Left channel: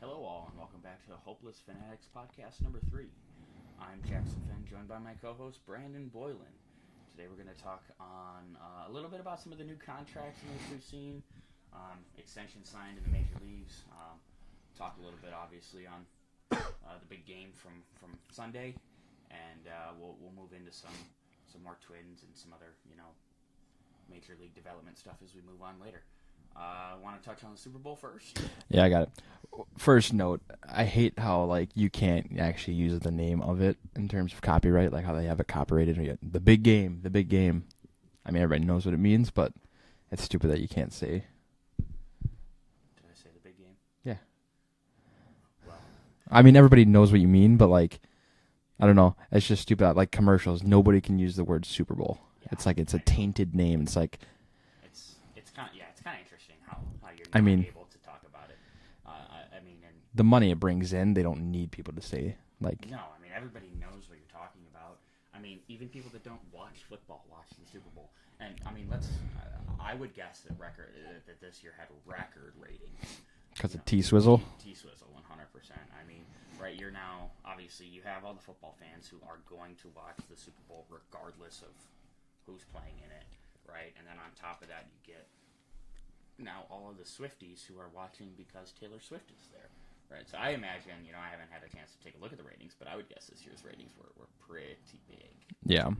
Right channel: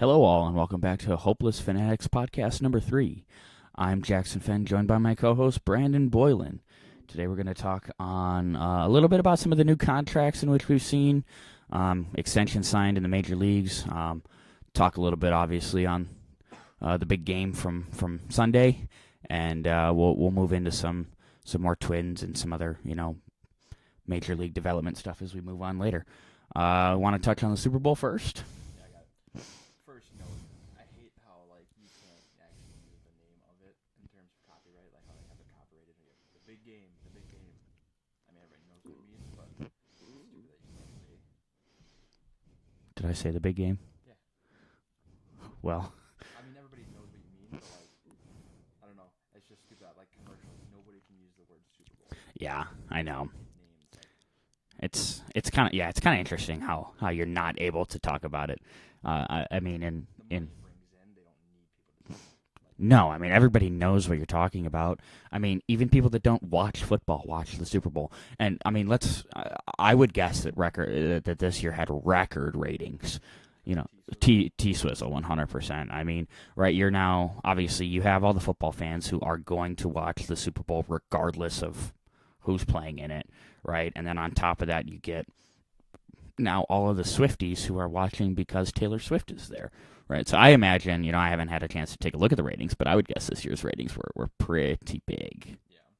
Hello, all, and welcome back to Hopeless Fanatics podcast number 3. I'm Jackson Fenn, joined by my co-host Brandon Boylan. Today we're going to talk on a little bit about some of the new contracts in which we've seen, extensions signed in the major leagues, talk a little bit, obviously, on the big game from Sunday, and we'll move into some more Twins and some other, major league development stuff as we move on later. Want to touch on the Super Bowl first? Yeah, I got it. First note, I hate how you can't actually use the name of it in terms of copyright, like how they have it copyrighted. The big game. I mean, everybody knows what it means, but it's stupid that you can't say. Did I say the big game? Yeah. Well, I mean, everybody knows what you mean, but I don't know. It's just stupid. Like commercials, nobody can use the word Super Bowl. Yeah, it's a tainted name. It's kind of interesting how you're not able to talk about it. And the money it brings in, they don't need people to say no. I mean, everybody knows what you're talking about. I mean, even people that don't watch football watch the Super Bowl. And I mean, I would guess that this year had record ratings. T-Swizzle? T-Swizzle, 100%. I mean, right, you're now, obviously, you have all the football fans who are going to watch the Super Bowl regardless of who's playing in it, right? And then on top of that, you get now all of the Swifties who are watching because Taylor Swift is there, right? So I imagine, I haven't had a chance to take a look at the ratings, but I would guess this year's ratings were pretty big. Yeah.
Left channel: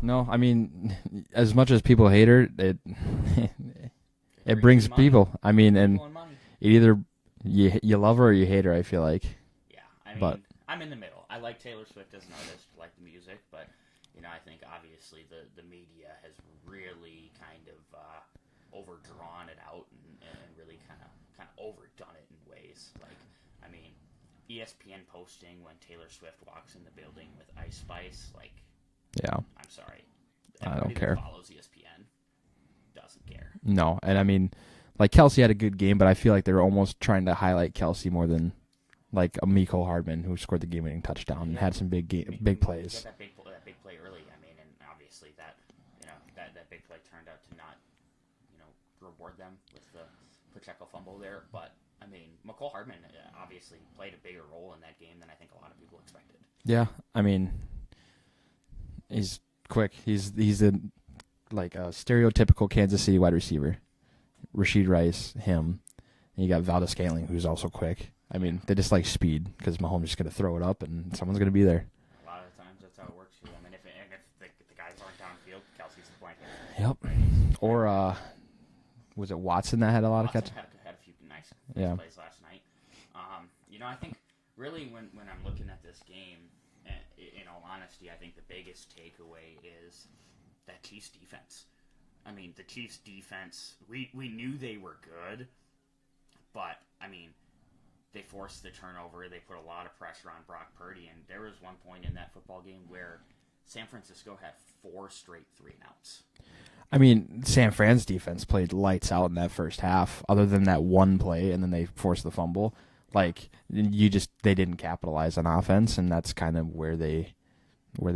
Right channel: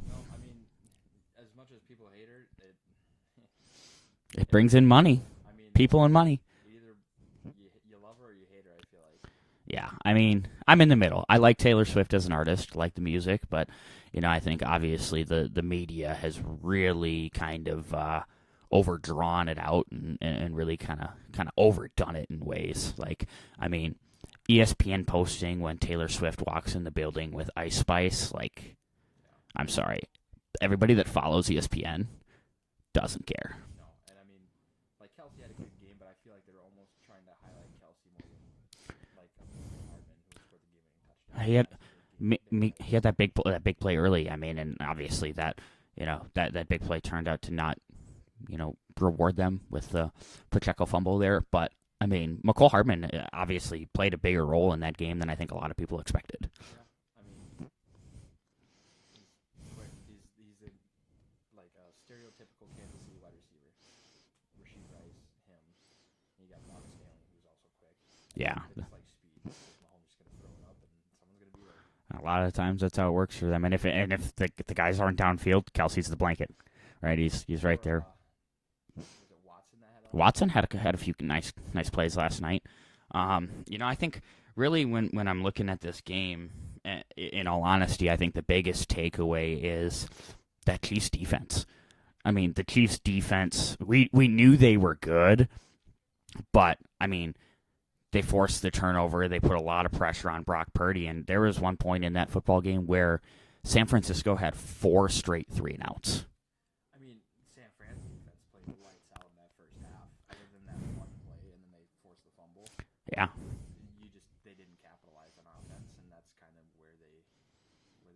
No, I mean, as much as people hate her, it brings in money. People. I mean, people and money. It either you love her or you hate her, I feel like. Yeah, I mean, I'm in the middle. I like Taylor Swift as an artist, like the music, but I think obviously the media has really kind of overdrawn it out and really kind of overdone it in ways. ESPN posting when Taylor Swift walks in the building with Ice Spice, yeah. I'm sorry. Everybody that follows ESPN doesn't care. No, and I mean, Kelsey had a good game, but I feel like they were almost trying to highlight Kelsey more than Miko Hardman, who scored the game-winning touchdown. He had some big plays. He had that big play early. I mean, and obviously that big play turned out to not reward them with the Pacheco fumble there. But I mean, Miko Hardman obviously played a bigger role in that game than I think a lot of people expected. Yeah, I mean, he's quick. He's a stereotypical Kansas City wide receiver. Rashid Rice, him. And you got Valdez-Scantling, who's also quick. I mean, they just like speed because Mahomes is going to throw it up and someone's going to be there. A lot of times that's how it works for them. And if the guys aren't downfield, Kelsey's the blanket. Yep. Right. He's right there. Was it Watson that had a lot? Watson had a few nice plays last night. I think really when I'm looking at this game, in all honesty, I think the biggest takeaway is that Chiefs defense. I mean, the Chiefs defense. We knew they were good, but I mean, they forced the turnover. They put a lot of pressure on Brock Purdy, and there was one point in that football game where San Francisco had 4 straight 3-and-outs. I mean, San Fran's defense played lights out in that first half, other than that one play, and then they forced the fumble. Yeah. They didn't capitalize on offense, and that's kind of where they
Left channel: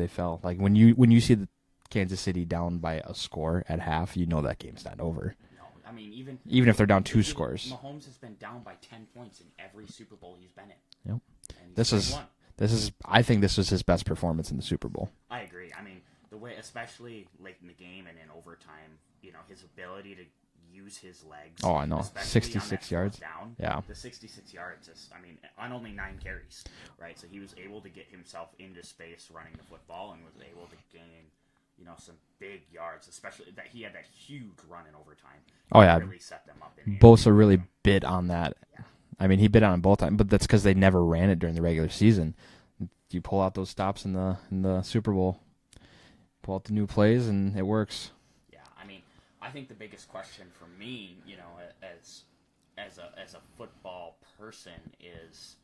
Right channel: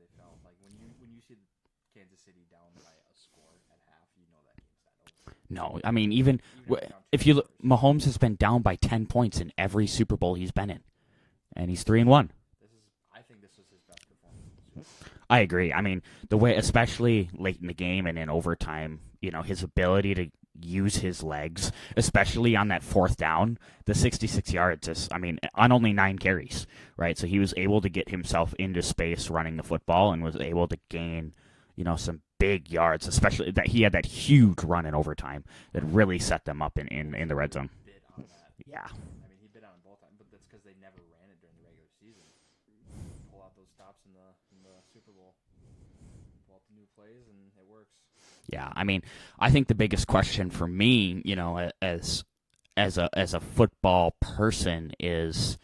fell. When you see the Kansas City down by a score at half, you know that game's not over. No, I mean, even if they're down 2 scores. Mahomes has been down by 10 points in every Super Bowl he's been in. Yep. And he's 3-1. I think this was his best performance in the Super Bowl. I agree. I mean, the way, especially late in the game and in overtime, his ability to use his legs, especially on that 4th down, the 66 yards, on only 9 carries, right? So he was able to get himself into space running the football and was able to gain some big yards, especially that he had that huge run in overtime. Really set them up in Bosa in really zone. bid on that. Yeah. I mean, he bid on it both times, but that's because they never ran it during the regular season. You pull out those stops in the Super Bowl, pull out the new plays, and it works. Yeah, I mean, I think the biggest question for me, as a football person is,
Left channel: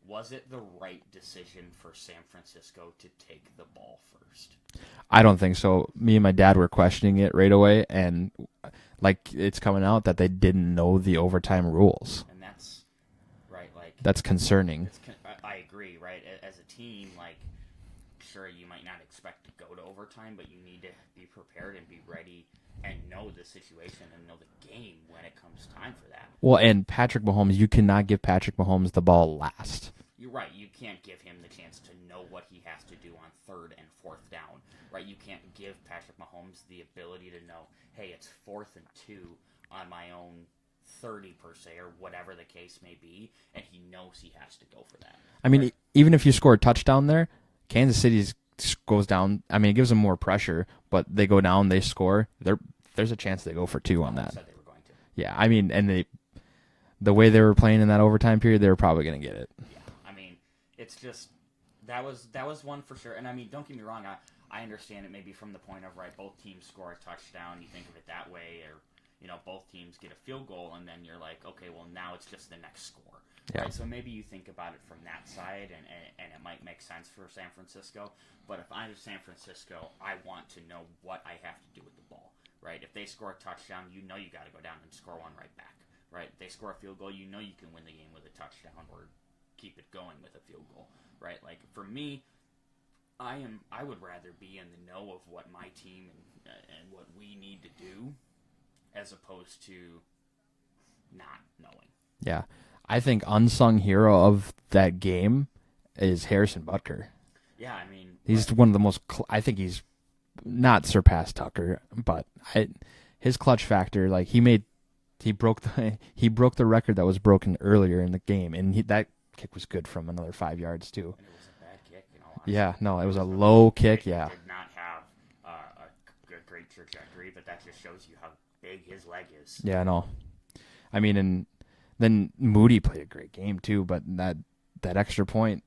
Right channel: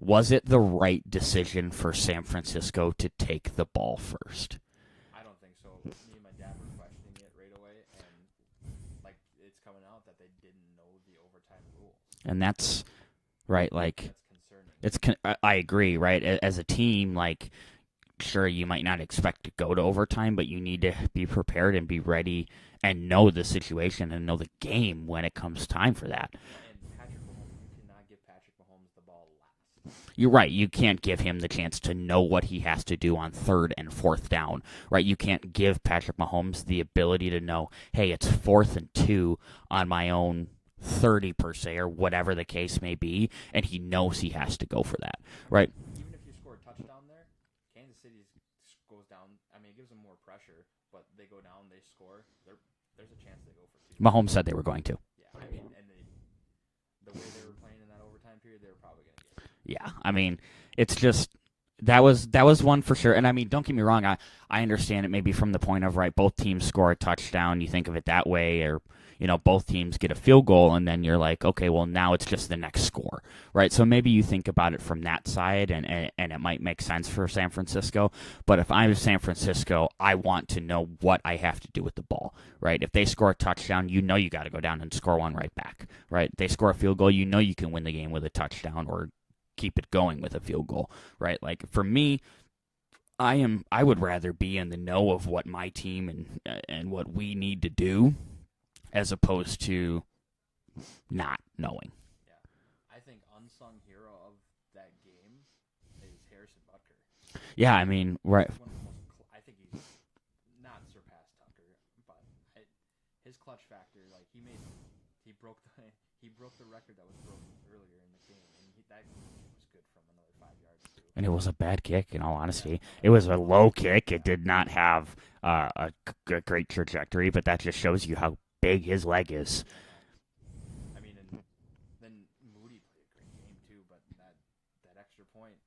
was it the right decision for San Francisco to take the ball first? I don't think so. Me and my dad were questioning it right away, and it's coming out that they didn't know the overtime rules, and that's right. That's concerning. I agree. Right, as a team, sure, you might not expect to go to overtime, but you need to be prepared and be ready and know the situation and know the game when it comes time for that. Well, and Patrick Mahomes, you cannot give Patrick Mahomes the ball last. You're right. You can't give him the chance to know what he has to do on 3rd and 4th down, right? You can't give Patrick Mahomes the ability to know, hey, it's 4th and 2 on my own 30 per se, or whatever the case may be, and he knows he has to go for that. I mean, right? Even if you score a touchdown there, Kansas City goes down. I mean, it gives them more pressure, but they go down, they score. There's a chance they go for 2. Mahomes said they were going to. Yeah, I mean, and the way they were playing in that overtime period, they were probably going to get it. Yeah, I mean, it's just that was one for sure. And I mean, don't get me wrong, I understand it maybe from the point of, right, both teams score a touchdown, you think of it that way, or both teams get a field goal, and then you're like, okay, well, now it's just the next score, right? So maybe you think about it from that side, and it might make sense for San Francisco. But if I'm San Francisco, I want to know what I have to do with the ball, right? If they score a touchdown, you got to go down and score one right back, right? They score a field goal, you can win the game with a touchdown or keep it going with a field goal, right? Like, for me, I would rather be in the know of what my team and what we need to do, as opposed to not knowing. Yeah. I think unsung hero of that game is Harrison Butker. Yeah, I mean, he's one of the most. I think he's not surpassed Tucker, but his clutch factor, like he broke the record that was broken earlier in the game, and that kick was good from another 5 yards too. And it was a bad kick, in all honesty. Yeah, no, it was a low kick. Yeah. It did not have a great trajectory, but that just shows you how big his leg is. Yeah, no. I mean, and then Moody played a great game too, but that extra point.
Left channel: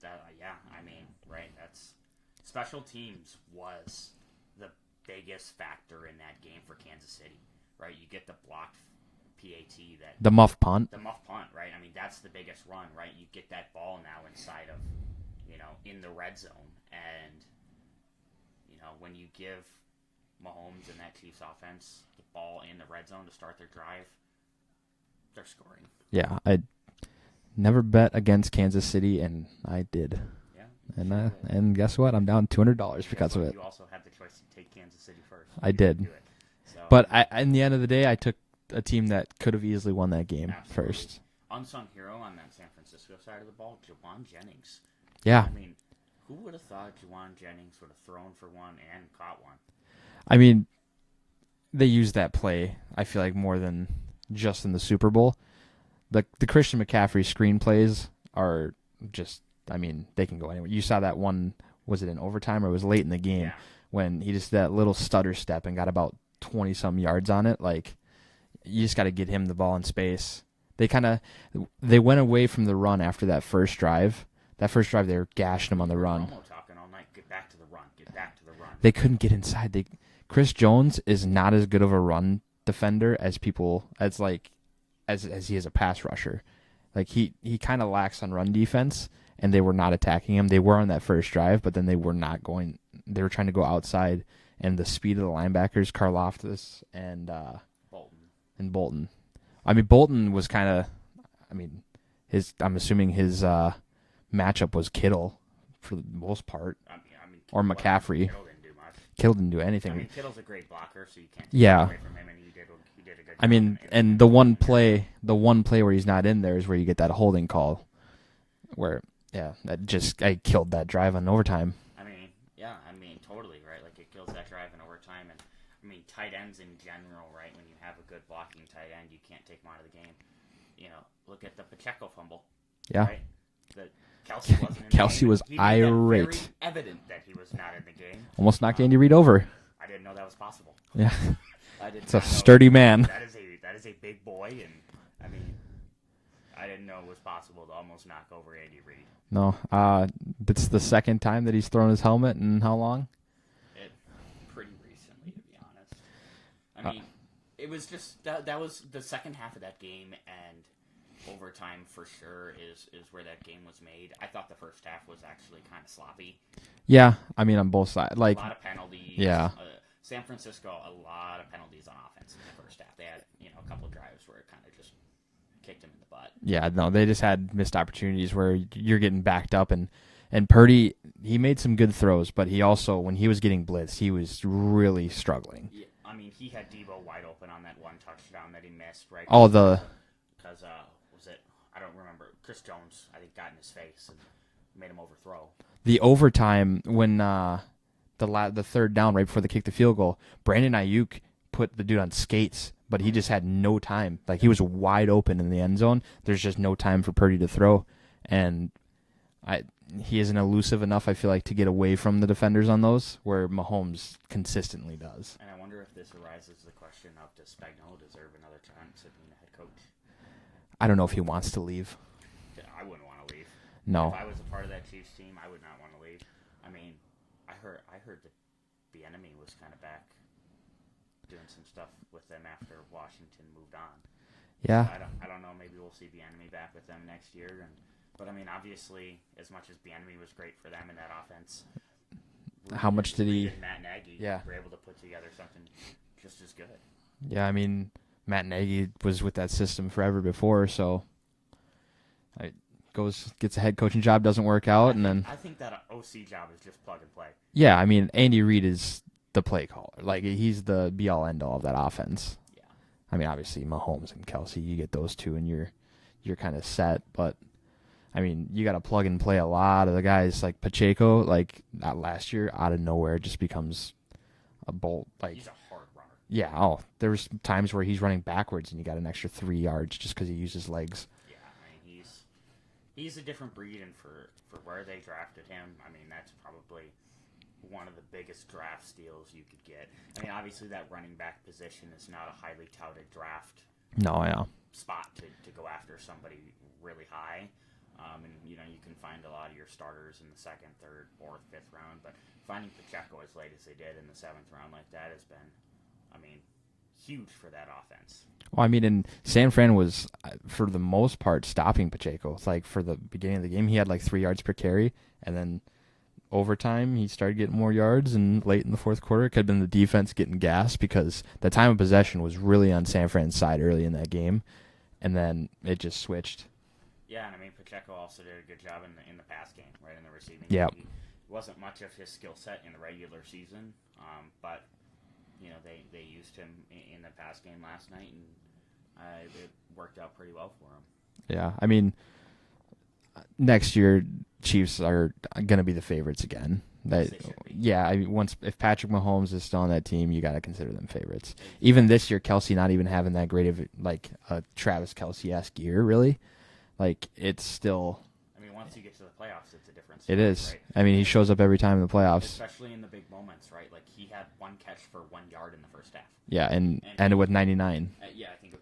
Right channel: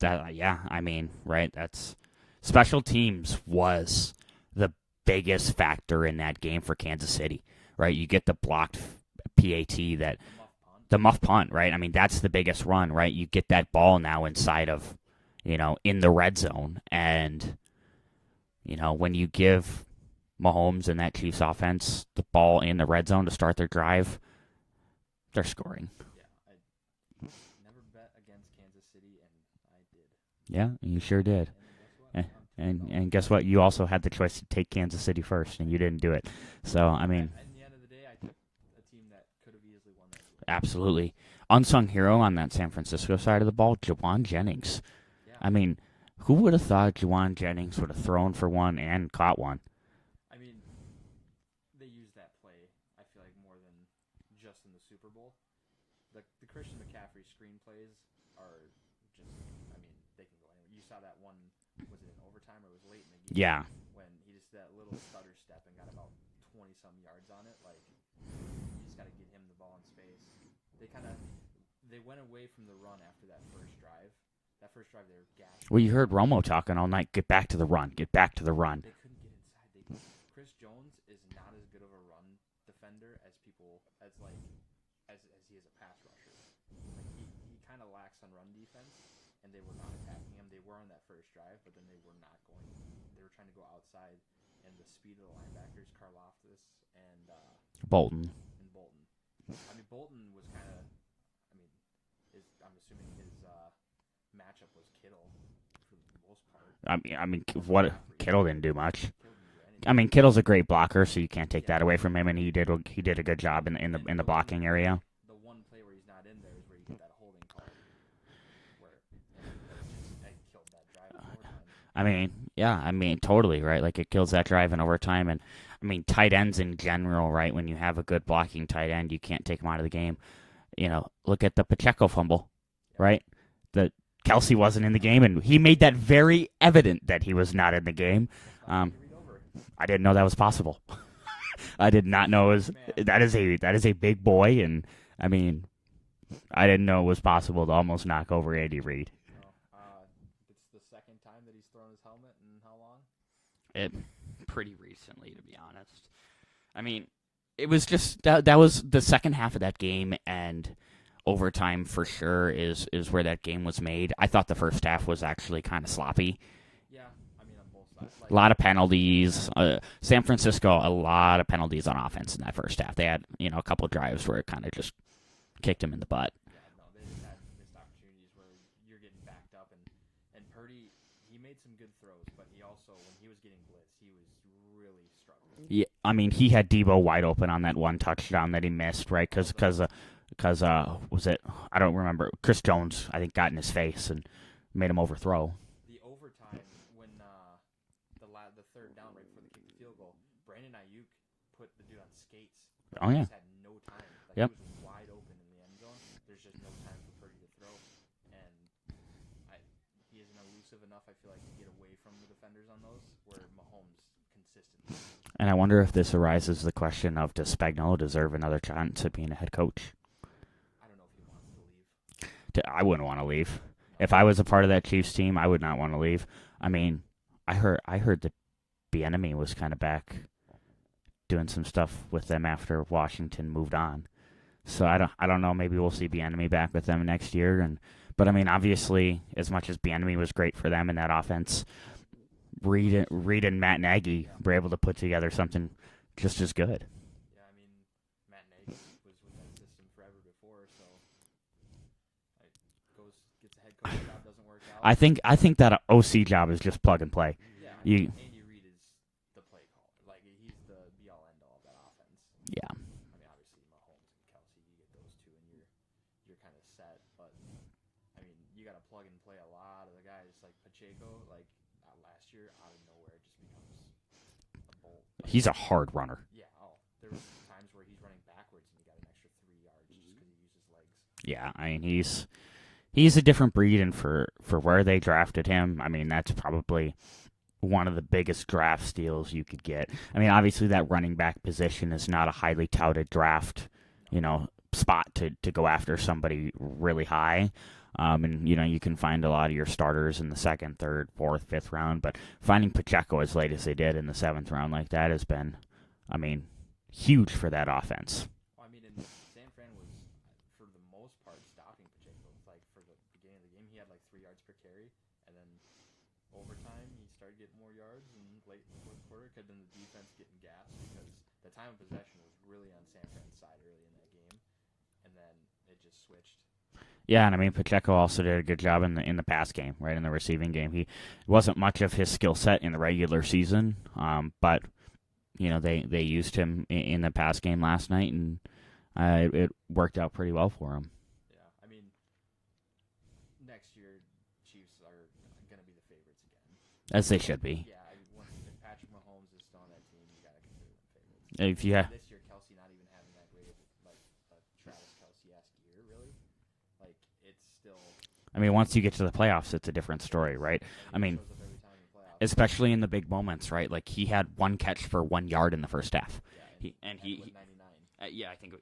Yeah, I mean, right, that's special teams was the biggest factor in that game for Kansas City, right? You get the blocked PAT, the muff punt, right? I mean, that's the biggest run, right? You get that ball now inside of, in the red zone, and when you give Mahomes and that Chiefs offense the ball in the red zone to start their drive, they're scoring. Yeah, I never bet against Kansas City, and I did. Yeah, you sure did. And guess what? I'm down $200. And guess what? You also had the choice to take Kansas City first. I did. Didn't do it. So, but in the end of the day, I took a team that could have easily won that game. Absolutely. First. Unsung hero on that San Francisco side of the ball, Jawan Jennings. Yeah. I mean, who would have thought Jawan Jennings would have thrown for one and caught one? I mean, they use that play, I feel like, more than just in the Super Bowl. The Christian McCaffrey screen plays are just, I mean, they can go anywhere. You saw that one, was it in overtime or it was late in the game? Yeah. When he just that little stutter step and got about 20-some yards on it. Like, you just got to get him the ball in space. They went away from the run after that first drive. That first drive, they were gashing him on the run. You heard Romo talking all night, get back to the run, get back to the run. They couldn't get inside. Chris Jones is not as good of a run defender as he is a pass rusher. Like, he kind of lacks on run defense, and they were not attacking him. They were on that first drive, but then they were not going. They were trying to go outside, and the speed of the linebackers, Karlaftis and Bolton. I mean, Bolton was kind of, I'm assuming his matchup was Kittle for the most part. I mean, or McCaffrey. Kittle didn't do much. Kittle didn't do anything. I mean, Kittle's a great blocker, so you can't take that away from him, and he did a good job. I mean, in the one area. the one play where he's not in there is where you get that holding call, where I killed that drive on overtime. I mean, totally right. Like, it kills that drive in overtime, and I mean, tight ends in general, right? When you have a good blocking tight end, you can't take him out of the game. Look at the Pacheco fumble, right? The Kelsey wasn't in the game, and he made that very evident that he was not in the game. Almost knocked Andy Reid over. I didn't know that was possible. Yeah, I did not know. Sturdy man. That is a big boy, and I mean, I didn't know it was possible to almost knock over Andy Reid. No, it's the second time that he's thrown his helmet in how long? Pretty recently, to be honest. I mean, it was just that was the second half of that game, and overtime for sure is where that game was made. I thought the first half was actually kind of sloppy. Yeah, I mean, on both sides. Like, a lot of penalties. Yeah. San Francisco, a lot of penalties on offense in that first half. They had, a couple of drives where it kind of just kicked him in the butt. Yeah, no, they just had missed opportunities where you're getting backed up, and And Purdy, he made some good throws, but he also, when he was getting blitzed, he was really struggling. Yeah, I mean, he had Debo wide open on that one touchdown that he missed, right? Because was it? I don't remember. Chris Jones, I think, got in his face and made him overthrow. The overtime when the third down right before they kicked the field goal, Brandon Ayuk put the dude on skates, but he just had no time. Like he was wide open in the end zone. There's just no time for Purdy to throw, and he isn't elusive enough, I feel like, to get away from the defenders on those, where Mahomes consistently does. And I wonder if this arises the question of, does Spagnuolo deserve another chance at being a head coach? I don't know if he wants to leave. I wouldn't want to leave. No. If I was a part of that Chiefs team, I would not want to leave. I mean, I heard that Bieniemy was kind of back doing some stuff with them after Washington moved on. Yeah. So I don't know. Maybe we'll see Bieniemy back with them next year. But I mean, obviously, as much as Bieniemy was great for them in that offense, Reed and Matt Nagy were able to put together something just as good. Yeah, I mean, Matt Nagy was with that system forever before, so gets a head coaching job, doesn't work out. I think that OC job is just plug and play. Yeah, I mean, Andy Reid is the play caller. Like, he's the be-all, end-all of that offense. Yeah. I mean, obviously, Mahomes and Kelsey, you get those two, and you're kind of set. But, I mean, you got to plug and play a lot of the guys. Like Pacheco, like, not last year, out of nowhere, just becomes a bolt. Like, he's a hard runner. Yeah. Oh, there was times where he's running backwards, and you got an extra 3 yards just because he uses legs. Yeah, I mean, he's a different breed, and for where they drafted him, I mean, that's probably one of the biggest draft steals you could get. I mean, obviously that running back position is not a highly touted draft spot to go after somebody really high. And, you can find a lot of your starters in the second, third, fourth, fifth round, but finding Pacheco as late as they did in the seventh round like that has been, I mean, huge for that offense. Well, I mean, and San Fran was, for the most part, stopping Pacheco. It's like, for the beginning of the game, he had like 3 yards per carry, and then overtime, he started getting more yards, and late in the fourth quarter, it could have been the defense getting gas because the time of possession was really on San Fran's side early in that game, and then it just switched. Yeah, and I mean, Pacheco also did a good job in the pass game, right, in the receiving game. He wasn't much of his skill set in the regular season, but they used him in the pass game last night, and it worked out pretty well for him. Yeah, I mean, next year Chiefs are going to be the favorites again. As they should be. Yeah, I mean, if Patrick Mahomes is still on that team, you got to consider them favorites. Even Even this year, Kelsey not even having that great of like a Travis Kelce-esque year, really. Like, it's still. I mean, once you get to the playoffs, it's a different story, it is. Right? I mean, he shows up every time in the playoffs, especially in the big moments, right? Like, he had one catch for 1 yard in the first half. Yeah, and ended with 99. I think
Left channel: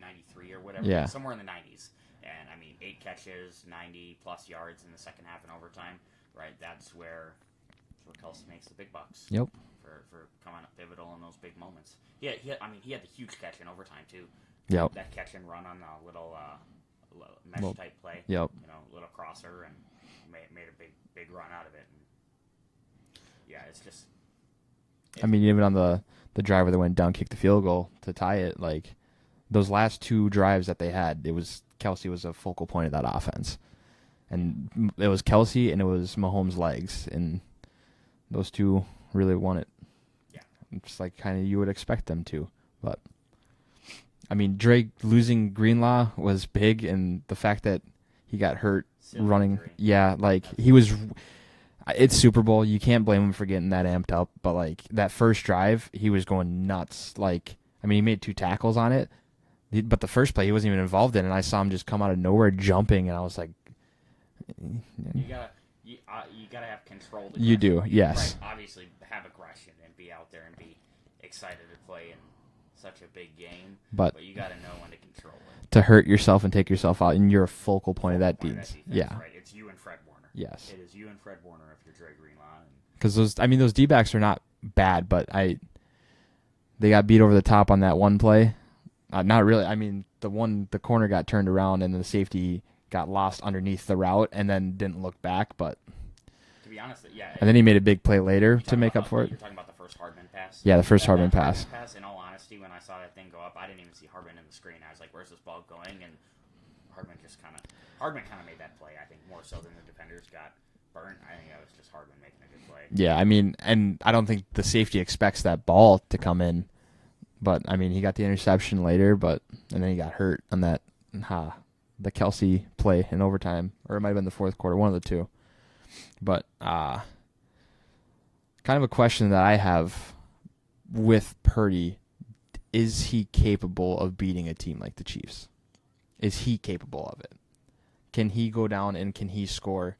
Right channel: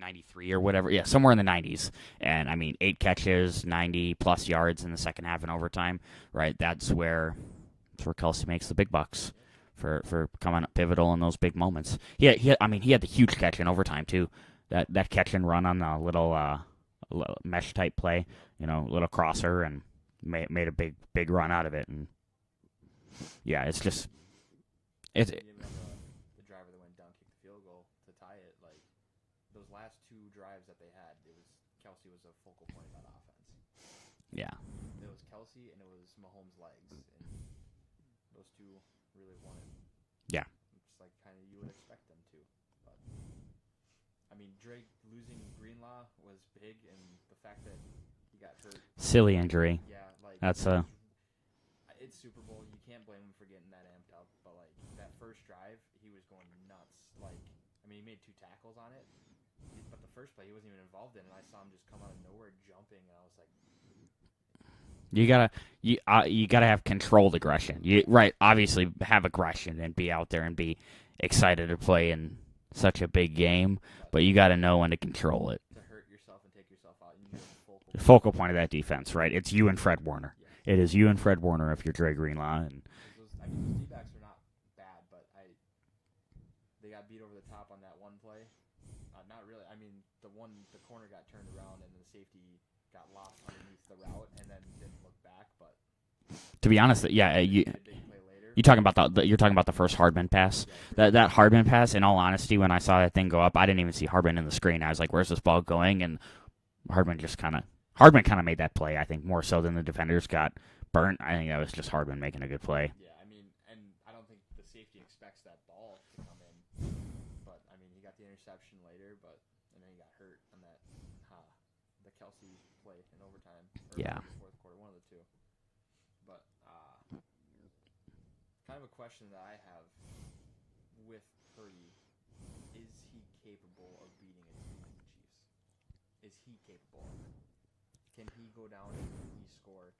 93 or whatever. Yeah, somewhere in the 90s. And I mean, 8 catches, 90+ yards in the second half in overtime. Right, that's where Kelsey makes the big bucks. Yep. For coming up pivotal in those big moments. He had the huge catch in overtime too. That catch and run on the little mesh type play. Yep. Little crosser, and made a big run out of it. And yeah, it's just. I mean, even on the driver that went down, kicked the field goal to tie it. Like, those last 2 drives that they had, Kelsey was a focal point of that offense, and it was Kelsey and it was Mahomes' legs, and those 2 really won it. Yeah, it's like kind of you would expect them to, but. I mean, Drake losing Greenlaw was big, and the fact that he got hurt. Silly injury. Yeah, like, he was. It's Super Bowl. You can't blame him for getting that amped up, but, like, that first drive, he was going nuts. Like, I mean, he made 2 tackles on it, but the first play he wasn't even involved in, and I saw him just come out of nowhere jumping, and I was like. You gotta have controlled aggression. You do, yes. Right, obviously have aggression and be out there and be excited to play in such a big game, but you got to know when to control it. To hurt yourself and take yourself out, and you're a focal point of that defense, right? It's you and Fred Warner. Yes. It is you and Fred Warner if you're Dre Greenlaw. Because those D-backs are not bad, but they got beat over the top on that one play. Not really. I mean, the corner got turned around, and the safety got lost underneath the route and then didn't look back, but. To be honest, yeah. And then he made a big play later. You're talking about the first Hardman pass? Yeah, the first Hardman pass. That Hardman pass, in all honesty, when I saw that thing go up, I didn't even see Hardman in the screen. I was like, where's this ball going? And Hardman kind of made that play, I think, more so than the defenders got burnt. I think that was just Hardman making a good play. Yeah, I mean, and I don't think the safety expects that ball to come in. But, I mean, he got the interception later, and then he got hurt on that, the Kelsey play in overtime. Or it might have been the fourth quarter, one of the two. But kind of a question that I have with Purdy, is he capable of beating a team like the Chiefs? Is he capable of it? Can he go down and can he score?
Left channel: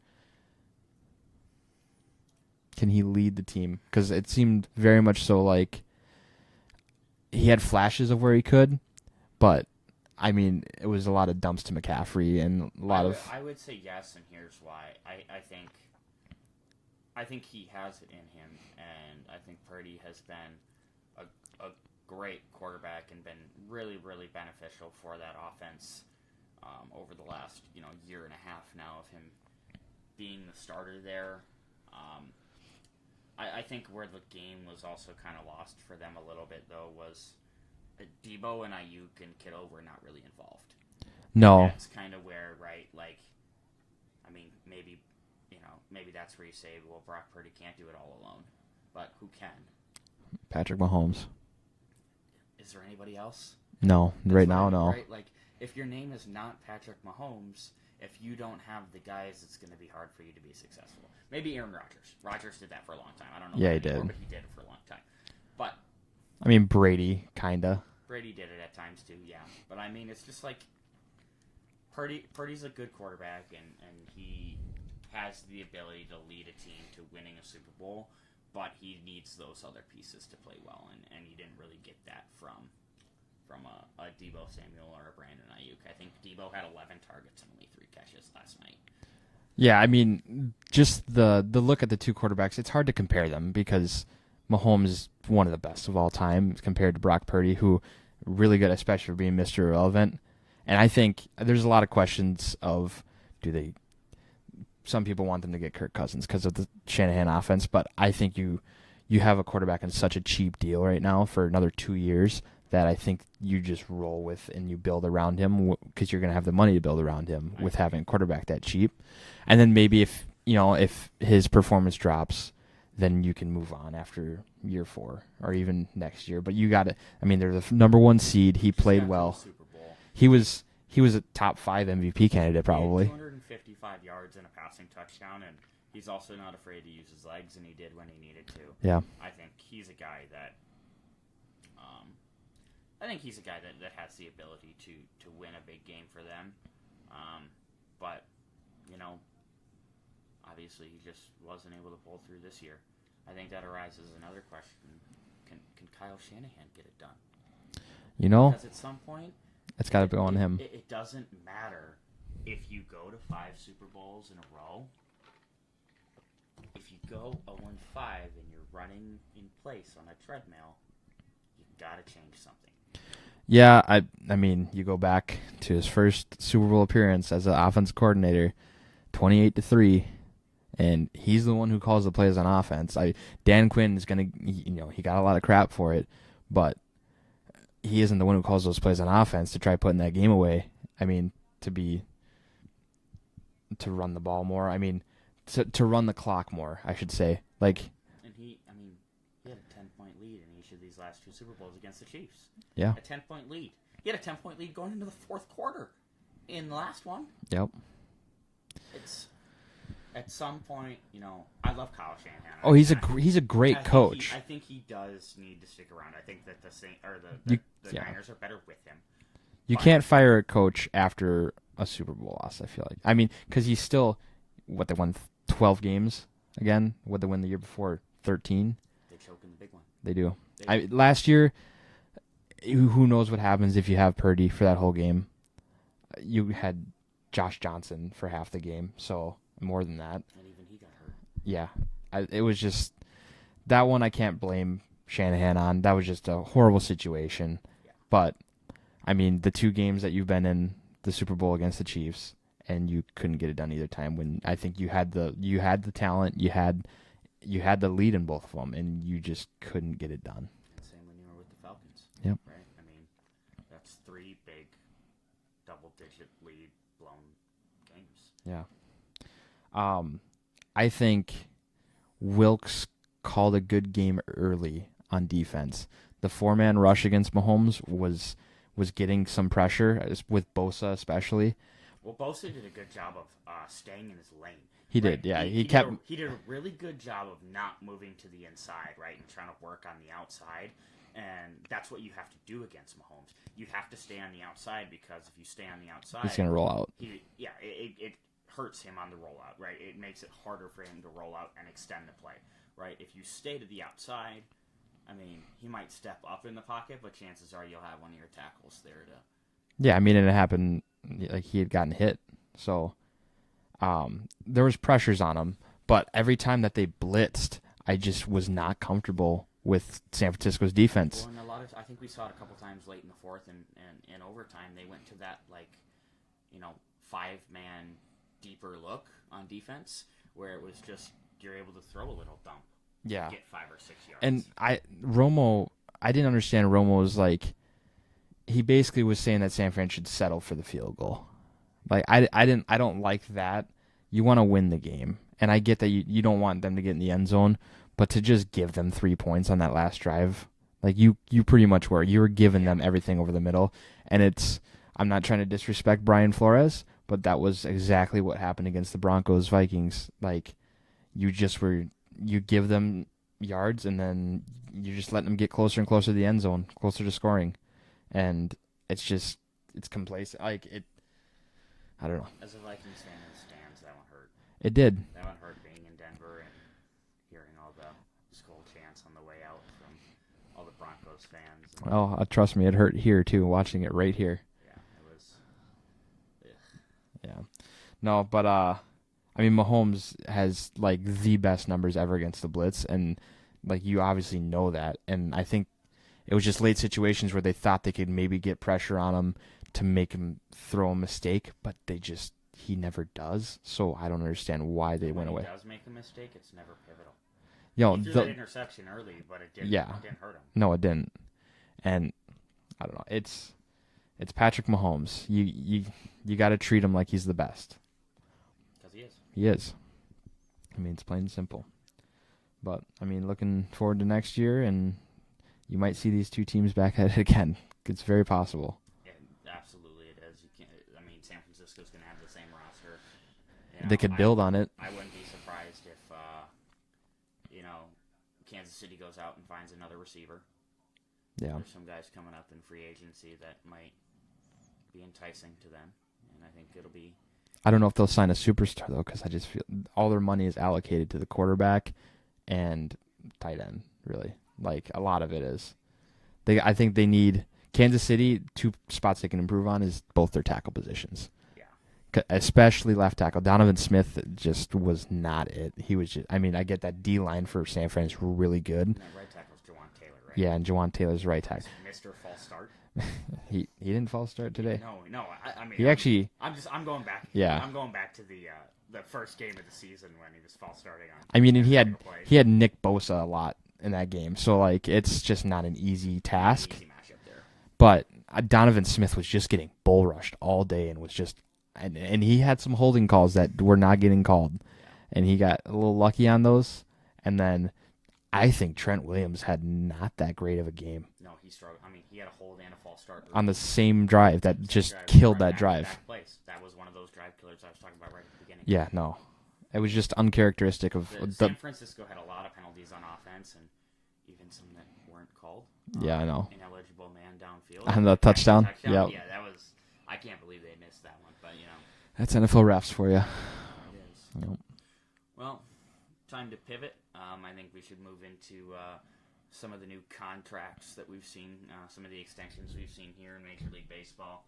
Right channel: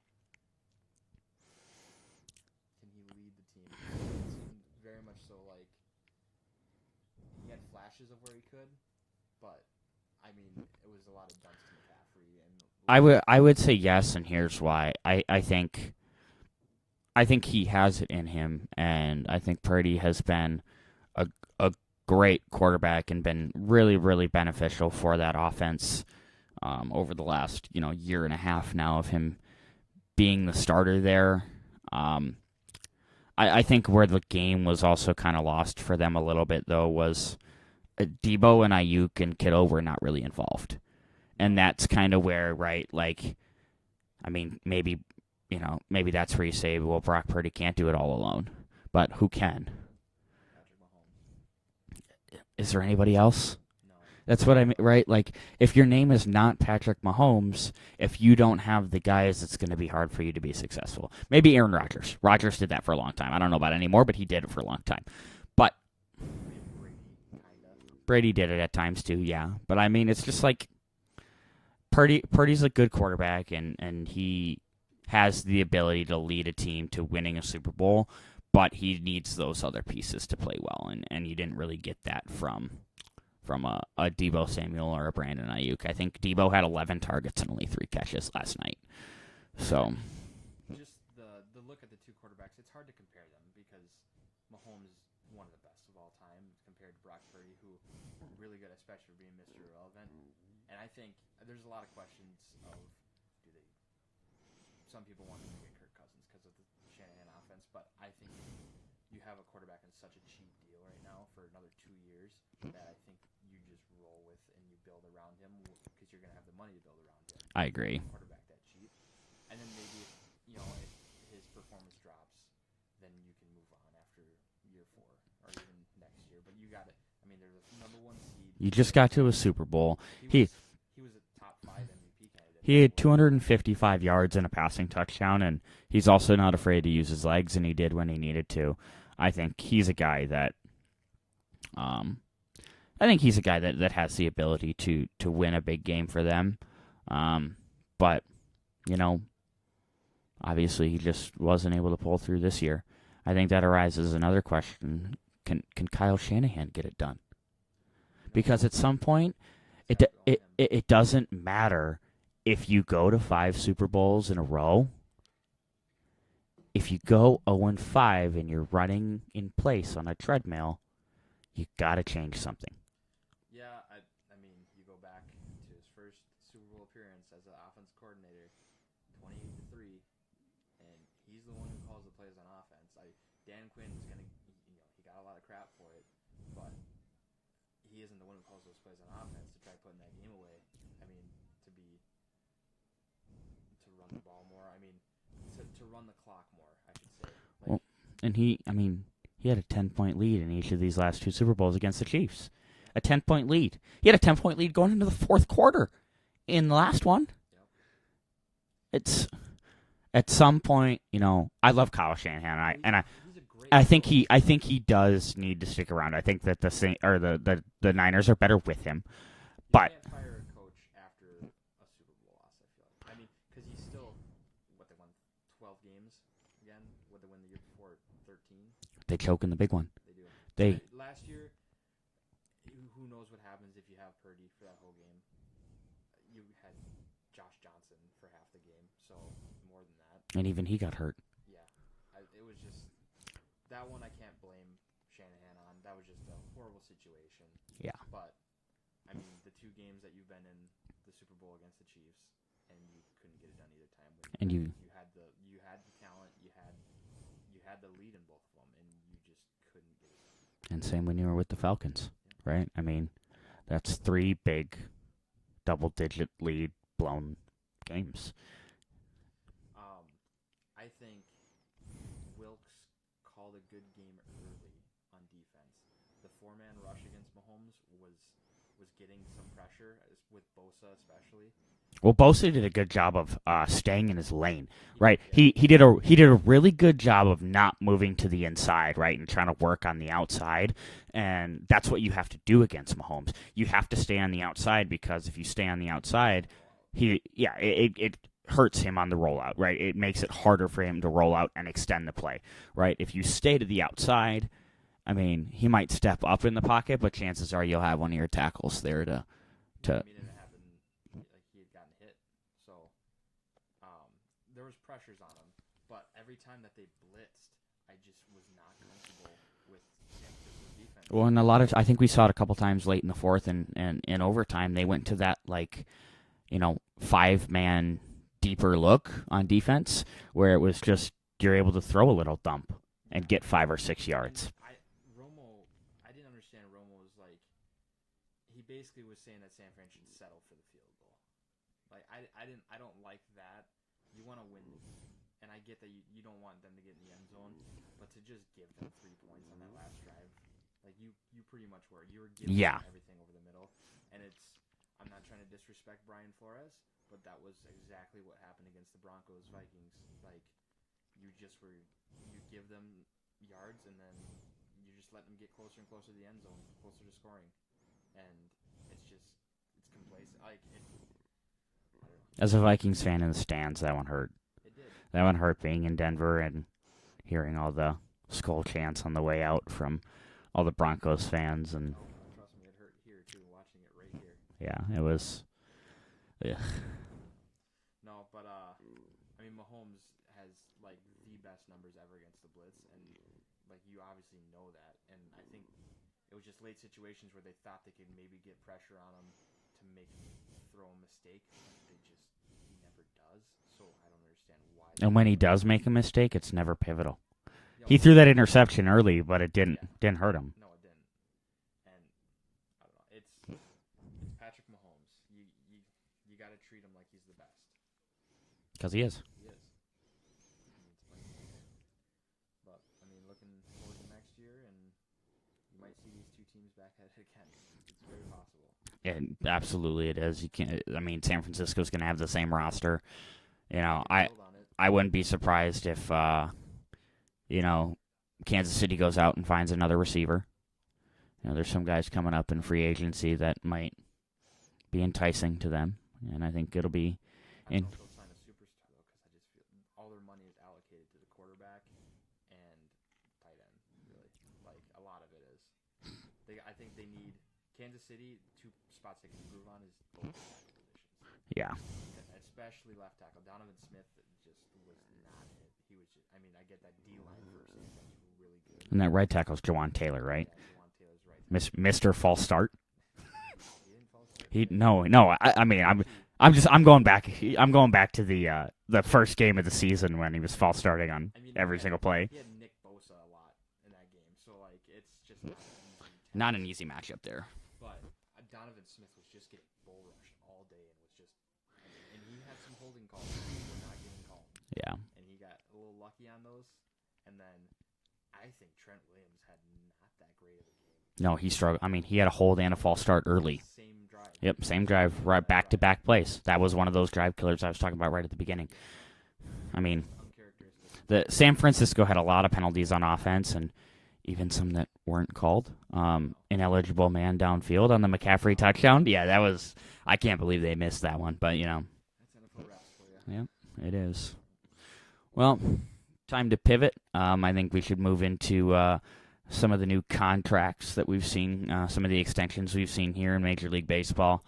Can he lead the team? Because it seemed very much so like he had flashes of where he could, but I mean, it was a lot of dumps to McCaffrey and I would say yes, and here's why. I think he has it in him, and I think Purdy has been a great quarterback and been really, really beneficial for that offense over the last year and a half now of him being the starter there. I think where the game was also kind of lost for them a little bit, though, was Debo and Ayuk and Kittle were not really involved. No. And that's kind of where, right, like, I mean, maybe that's where you say, well, Brock Purdy can't do it all alone. But who can? Patrick Mahomes. Is there anybody else? No. That's right what now, I mean, no. right? Like, if your name is not Patrick Mahomes, if you don't have the guys, it's going to be hard for you to be successful. Maybe Aaron Rodgers. Rodgers did that for a long time. I don't know about it anymore, but he did it for a long time. But I mean, Brady, kind of. Brady did it at times too, yeah. But I mean, it's just like Purdy's a good quarterback, and he has the ability to lead a team to winning a Super Bowl, but he needs those other pieces to play well, and you didn't really get that from a Debo Samuel or a Brandon Ayuk. I think Debo had 11 targets and only 3 catches last night. Yeah, So, I mean, just the look at the two quarterbacks, it's hard to compare them because Mahomes is one of the best of all time compared to Brock Purdy, who really good, especially for being Mr. Irrelevant. And I think there's a lot of questions of some people want them to get Kirk Cousins because of the Shanahan offense, but I think you have a quarterback on such a cheap deal right now for another 2 years that I think you just roll with and you build around him because you're going to have the money to build around him with having a quarterback that cheap. And then maybe if his performance drops, then you can move on after year 4 or even next year. But you got to. I mean, they're the number 1 seed. He just played got well. to a Super Bowl. He was a top 5 MVP candidate probably. He had 255 yards and a passing touchdown, and he's also not afraid to use his legs, and he did when he needed to. Yeah, I think he's a guy that, that has the ability to win a big game for them. But obviously he just wasn't able to pull through this year. I think that arises another question: Can Kyle Shanahan get it done? Because at some point, it's got to go on him. It doesn't matter if you go to 5 Super Bowls in a row. If you go 0-5 and you're running in place on a treadmill, you got to change something. Yeah, I mean, you go back to his first Super Bowl appearance as an offensive coordinator, 28-3, and he's the one who calls the plays on offense. Dan Quinn is gonna, he got a lot of crap for it, but he isn't the one who calls those plays on offense to try putting that game away. I mean, to run the ball more. I mean, to run the clock more, I should say. And he had a 10-point lead in each of these last 2 Super Bowls against the Chiefs. Yeah. A 10-point lead. He had a 10-point lead going into the 4th quarter in the last one. Yep. It's at some point, I love Kyle Shanahan. Oh, he's a great coach. I think he does need to stick around. I think that the Niners are better with him. You can't fire a coach after a Super Bowl loss, I feel like. I mean, because he's still, they won 12 games again? What they win the year before? 13? They choke in the big one. They do. Last year, who knows what happens if you have Purdy for that whole game. You had Josh Johnson for half the game, so more than that. And even he got hurt. Yeah. It was just, that one I can't blame Shanahan on. That was just a horrible situation. Yeah. But, I mean, the 2 games that you've been in, the Super Bowl against the Chiefs, and you couldn't get it done either time when I think you had the talent, you had the lead in both of them, and you just couldn't get it done. And same when you were with the Falcons. Yep. Right? I mean, that's 3 big double-digit lead blown games. Yeah. I think Wilkes called a good game early on defense. The 4-man rush against Mahomes was getting some pressure, with Bosa especially. Well, Bosa did a good job of staying in his lane. He right? did, yeah. He did a really good job of not moving to the inside, right, and trying to work on the outside. And that's what you have to do against Mahomes. You have to stay on the outside, because if you stay on the outside, he's gonna roll out. It hurts him on the rollout, right? It makes it harder for him to roll out and extend the play, right? If you stay to the outside, I mean, he might step up in the pocket, but chances are you'll have one of your tackles there to. Yeah, I mean, and it happened. Like, he had gotten hit, so there was pressures on him. But every time that they blitzed, I just was not comfortable with San Francisco's defense. Well, and I think we saw it a couple times late in the fourth and in overtime. They went to that 5-man deeper look on defense, where it was just you're able to throw a little dump and get 5 or 6 yards. And I didn't understand Romo's he basically was saying that San Fran should settle for the field goal. I don't like that. You want to win the game, and I get that you don't want them to get in the end zone, but to just give them 3 points on that last drive, you pretty much were. You were giving them everything over the middle, and I'm not trying to disrespect Brian Flores, but that was exactly what happened against the Broncos Vikings. You give them yards, and then you just let them get closer and closer to the end zone, closer to scoring. And it's complacent. I don't know. As a Vikings fan in the stands, that one hurt. It did. That one hurt, being in Denver and hearing all the skull chants on the way out from all the Broncos fans. And trust me, it hurt here too, watching it right here. Yeah, it was. Yeah. Yeah. No, but Mahomes has the best numbers ever against the blitz, and you obviously know that. And I think it was just late situations where they thought they could maybe get pressure on him to make him throw a mistake, but he never does. So I don't understand why. And when he does make a mistake, it's never pivotal. Yo, he threw that interception early, but it didn't hurt him. No, it didn't. And I don't know. It's Patrick Mahomes. You got to treat him like he's the best. Because he is. He is. It's plain and simple. But looking forward to next year, and you might see these two teams back at it again. It's very possible. Yeah, absolutely, it is. You can't. San Francisco's going to have the same roster. They could build on it. I wouldn't be surprised if, Kansas City goes out and finds another receiver. Yeah. There's some guys coming up in free agency that might be enticing to them, and I think it'll be. I don't know if they'll sign a superstar though, because I just feel all their money is allocated to the quarterback and tight end. Really. A lot of it is. I think they need Kansas City. 2 spots they can improve on is both their tackle positions. Yeah. Especially left tackle. Donovan Smith just was not it. He was just. I get that D line for San Fran is really good. And that right tackle's Jawan Taylor, right? Yeah, and Jawan Taylor's right tackle. Mr. False Start. he didn't false start today. No. I'm going back. Yeah. I'm going back to the first game of the season when he was false starting on. Every single play. He had Nick Bosa a lot in that game, so it's just not an easy task. Not an easy matchup there. But Donovan Smith was just getting bull rushed all day, and was just, and he had some holding calls that were not getting called. Yeah, and he got a little lucky on those. And then I think Trent Williams had not that great of a game. No, he struggled. He had a hold and a false start early on the same drive that just drive, killed right that back drive. to back plays. That was one of those drive killers I was talking about right at the beginning. Yeah, no. It was just uncharacteristic of San Francisco had a lot of penalties on offense, and even some that weren't called. I know. Ineligible man downfield on the the McCaffrey touchdown. Yep. Yeah, that was. I can't believe they missed that one, but that's NFL refs for you. It is. Yep. Well, time to pivot. I think we should move into some of the new contracts that we've seen, some of the extensions we've seen here in Major League Baseball.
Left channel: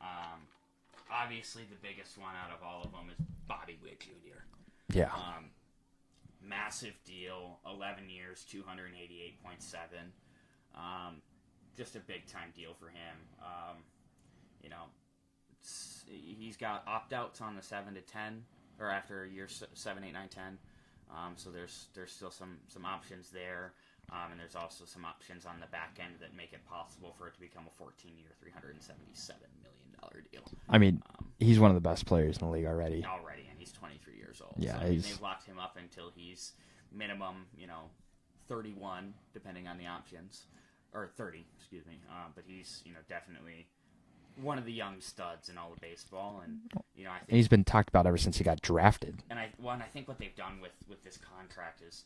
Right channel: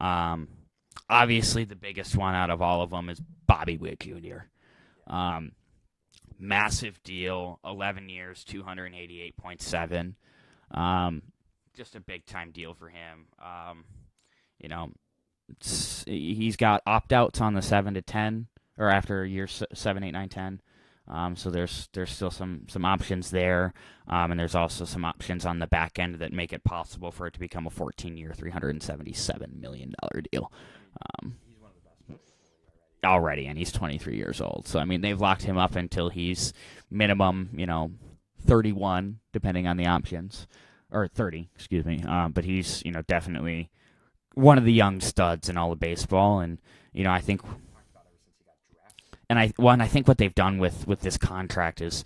Obviously, the biggest one out of all of them is Bobby Witt Jr. Yeah. Massive deal, 11 years, $288.7. Just a big-time deal for him. He's got opt-outs on the 7 to 10, or after year 7, 8, 9, 10. So there's still some options there, and there's also some options on the back end that make it possible for it to become a 14-year, $377 million deal. I mean, he's one of the best players in the league already. And he's 23 years old. Yeah, so I mean, they've locked him up until he's minimum, 31, depending on the options, or 30, excuse me. But he's definitely one of the young studs in all of baseball, and I think he's been talked about ever since he got drafted. And I think what they've done with this contract is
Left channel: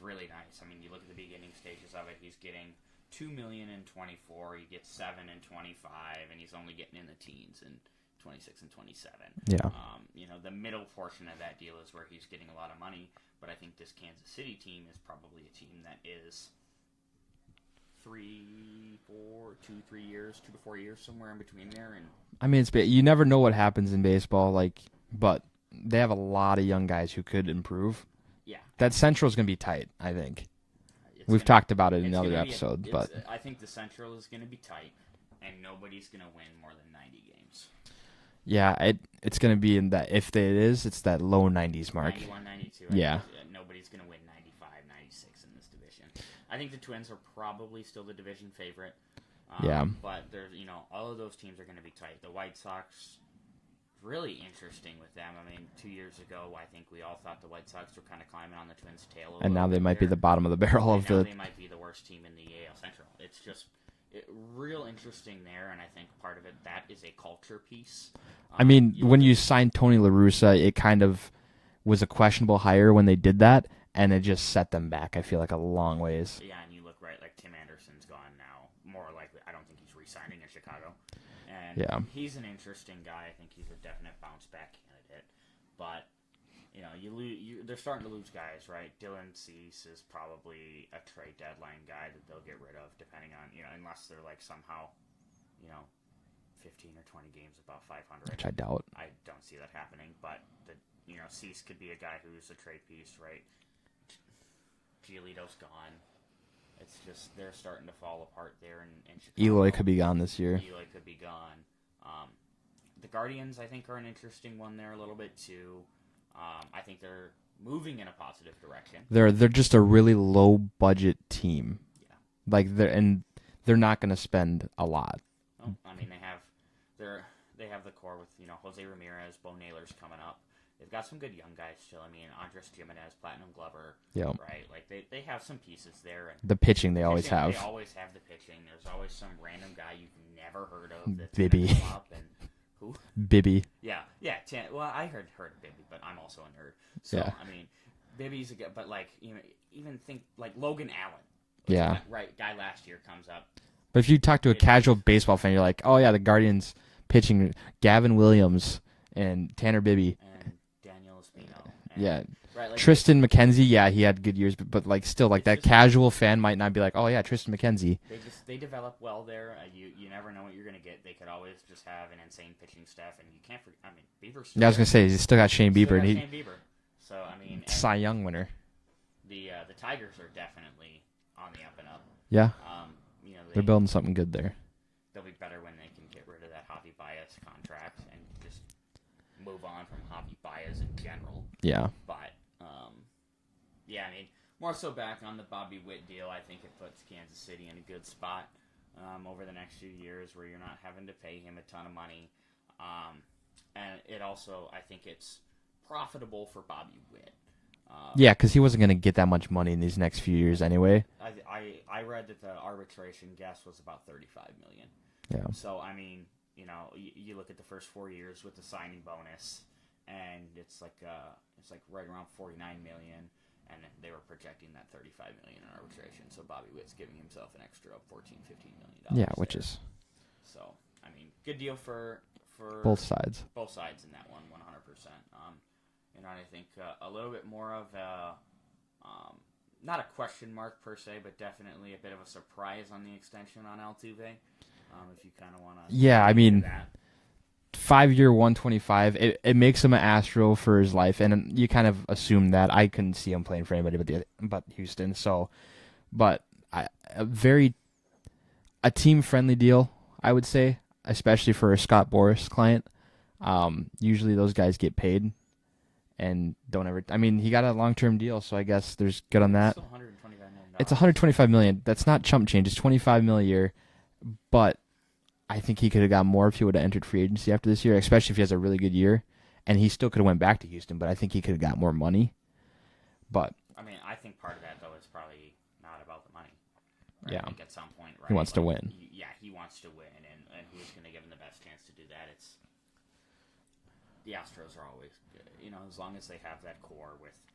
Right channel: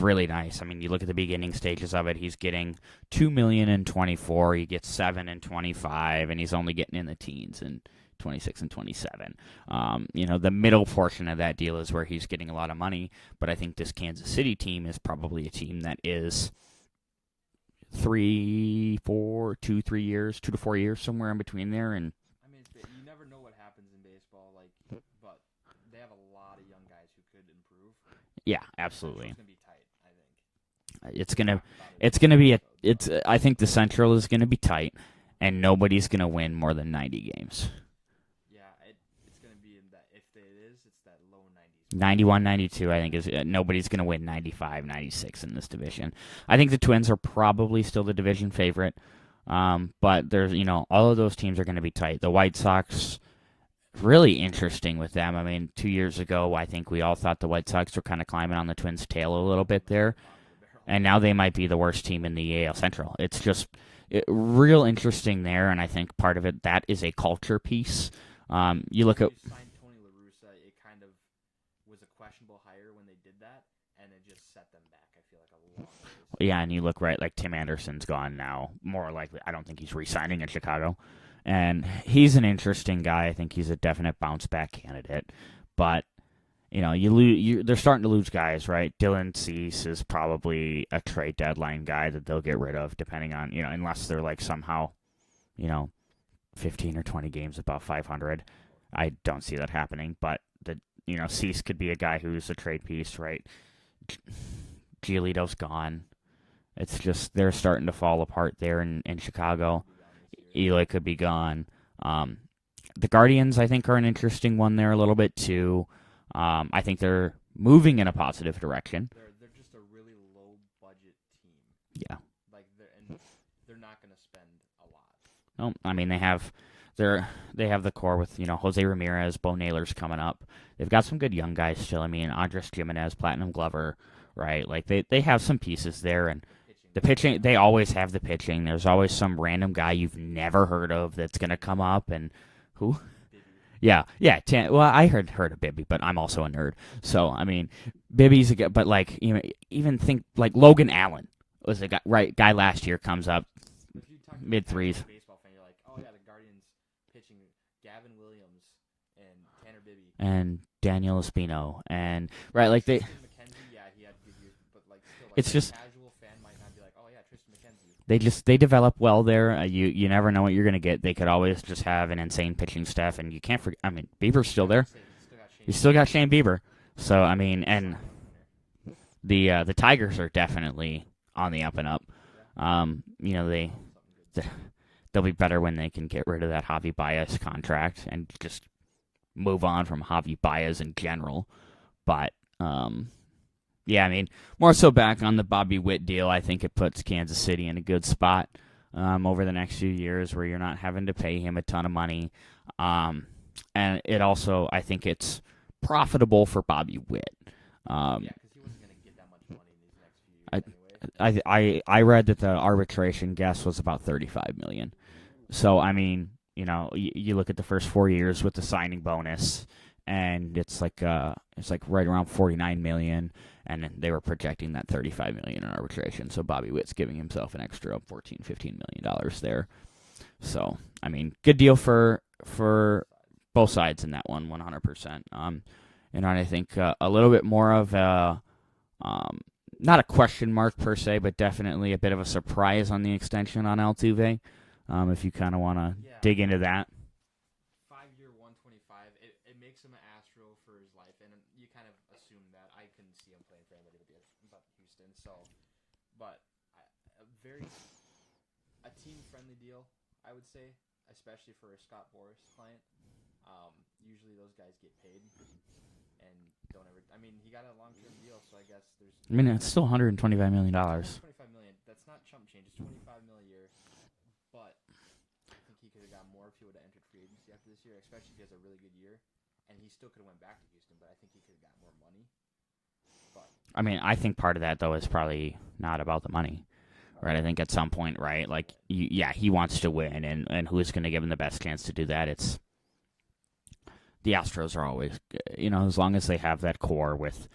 really nice. I mean, you look at the beginning stages of it. He's getting $2 million in 24. He gets $7 million in 25, and he's only getting in the teens in 26 and 27. Yeah. The middle portion of that deal is where he's getting a lot of money. But I think this Kansas City team is probably a team that is 3 to 4 years, somewhere in between there. And I mean, you never know what happens in baseball, but they have a lot of young guys who could improve. Yeah, that Central's going to be tight, I think. We've talked about it. It's going to be. I think the Central is going to be tight, and nobody's going to win more than 90 games. Yeah, it's going to be in that. If it is, it's that low 90s mark. 91, 92. I think nobody's going to win 95, 96 in this division. I think the Twins are probably still the division favorite. But there's, all of those teams are going to be tight. The White Sox, really interesting with them. I mean, 2 years ago, I think we all thought the White Sox were kind of climbing on the Twins' tail a little bit. They might be the bottom of the barrel. And now they might be the worst team in the AL Central. It's just real interesting there, and I think part of it, that is a culture piece. I mean, when you signed Tony La Russa, it kind of was a questionable hire when they did that, and it just set them back, I feel like, a long ways. Yeah, and you look like Tim Anderson's gone now. More likely, I don't think he's re-signing in Chicago. And he's an interesting guy. I think he's a definite bounce-back candidate. But, they're starting to lose guys, right? Dylan Cease is probably a trade deadline guy that they'll get rid of, depending on, unless they're somehow, 15 or 20 games above 500. Which I doubt. I don't see that happening. But, Cease could be a guy who's a trade piece, right? Giolito's gone. It's just they're starting to fall apart there in Chicago. Eloy could be gone this year. Eloy could be gone. The Guardians, I think, are an interesting one there a little bit, too. I think they're moving in a positive direction. They're just a really low-budget team. Yeah. They're not going to spend a lot. No, I mean, they have the core with, Jose Ramirez, Bo Naylor's coming up. They've got some good young guys still. I mean, Andres Gimenez, Platinum Glover, right? They have some pieces there, and the pitching, they always have the pitching. There's always some random guy you've never heard of that's going to come up, and who? Bibby. Yeah. Well, I heard of Bibby, but I'm also a nerd, so I mean, Bibby's a guy. But even think Logan Allen was the guy last year comes up. But if you talk to a casual baseball fan, you're like, oh yeah, the Guardians pitching Gavin Williams and Tanner Bibby and Daniel Espino and Tristan McKenzie, he had good years, but still that casual fan might not be like, oh yeah, Tristan McKenzie. They develop well there. You never know what you're gonna get. They could always just have an insane pitching staff, and you can't forget. I mean, Bieber's still there. I was gonna say he's still got Shane Bieber. Still got Shane Bieber. So I mean, and Cy Young winner. The Tigers are definitely on the up and up. Yeah. They're building something good there. They'll be better when they can get rid of that Javi Baez contract and just move on from Javi Baez in general. Yeah. But, I mean, more so back on the Bobby Witt deal, I think it puts Kansas City in a good spot over the next few years where you're not having to pay him a ton of money. And it also, I think it's profitable for Bobby Witt. Because he wasn't going to get that much money in these next few years anyway. I read that the arbitration guess was about $35 million. Yeah. So, I mean, you look at the first 4 years with the signing bonus, and it's like right around $49 million, and they were projecting that $35 million in arbitration. So Bobby Witt's giving himself an extra $14-15 million there. So, I mean, good deal for both sides in that one, 100%. And I think a little bit more of a, not a question mark per se, but definitely a bit of a surprise on the extension on Altuve. If you kind of want to dig into that. 5-year, 125. It makes him an Astro for his life, and you kind of assume that. I couldn't see him playing for anybody but Houston. So, but a team-friendly deal, I would say, especially for a Scott Boras client. Usually those guys get paid. and don't ever. I mean, he got a long-term deal, so I guess there's good on It's that. still $125 million. It's $125 million. That's not chump change. It's $25 million a year, but I think he could have got more if he would have entered free agency after this year, especially if he has a really good year. And he still could have went back to Houston, but I think he could have got more money. But I mean, I think part of that though is probably not about the money, right? Yeah. I think at some point, right, He wants to win. He wants to win, and who's going to give him the best chance to do that? It's the Astros are always, as long as they have that core with,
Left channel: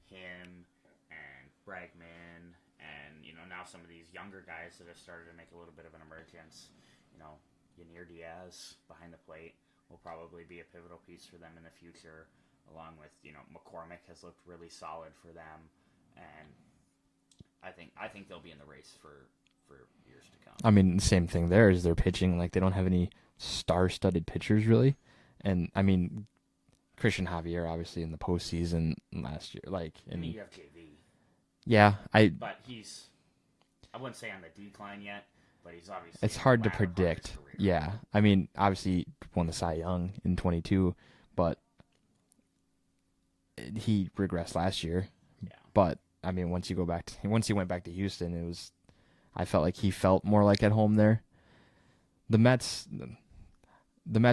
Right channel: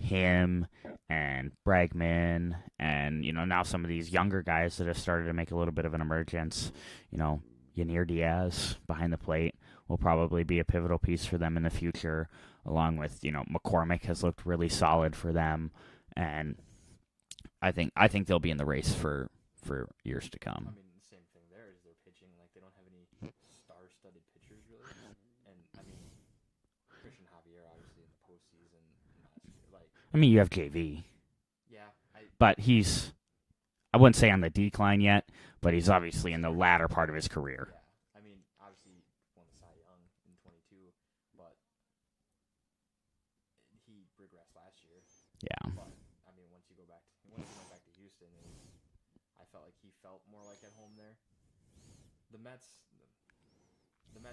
him and Bregman and, now some of these younger guys that have started to make a little bit of an emergence, Yanir Diaz behind the plate will probably be a pivotal piece for them in the future, along with, McCormick has looked really solid for them, and I think they'll be in the race for years to come. I mean, the same thing there is their pitching. Like, they don't have any star-studded pitchers, really. And, I mean, Christian Javier, obviously, in the postseason last year. You have JV. Yeah. But I wouldn't say on the decline yet, but he's obviously in the latter part of his career. Yeah. I mean, obviously, he won the Cy Young in 22, but he regressed last year. Yeah. But, I mean, once he went back to Houston, I felt like he felt more like at home there. The Mets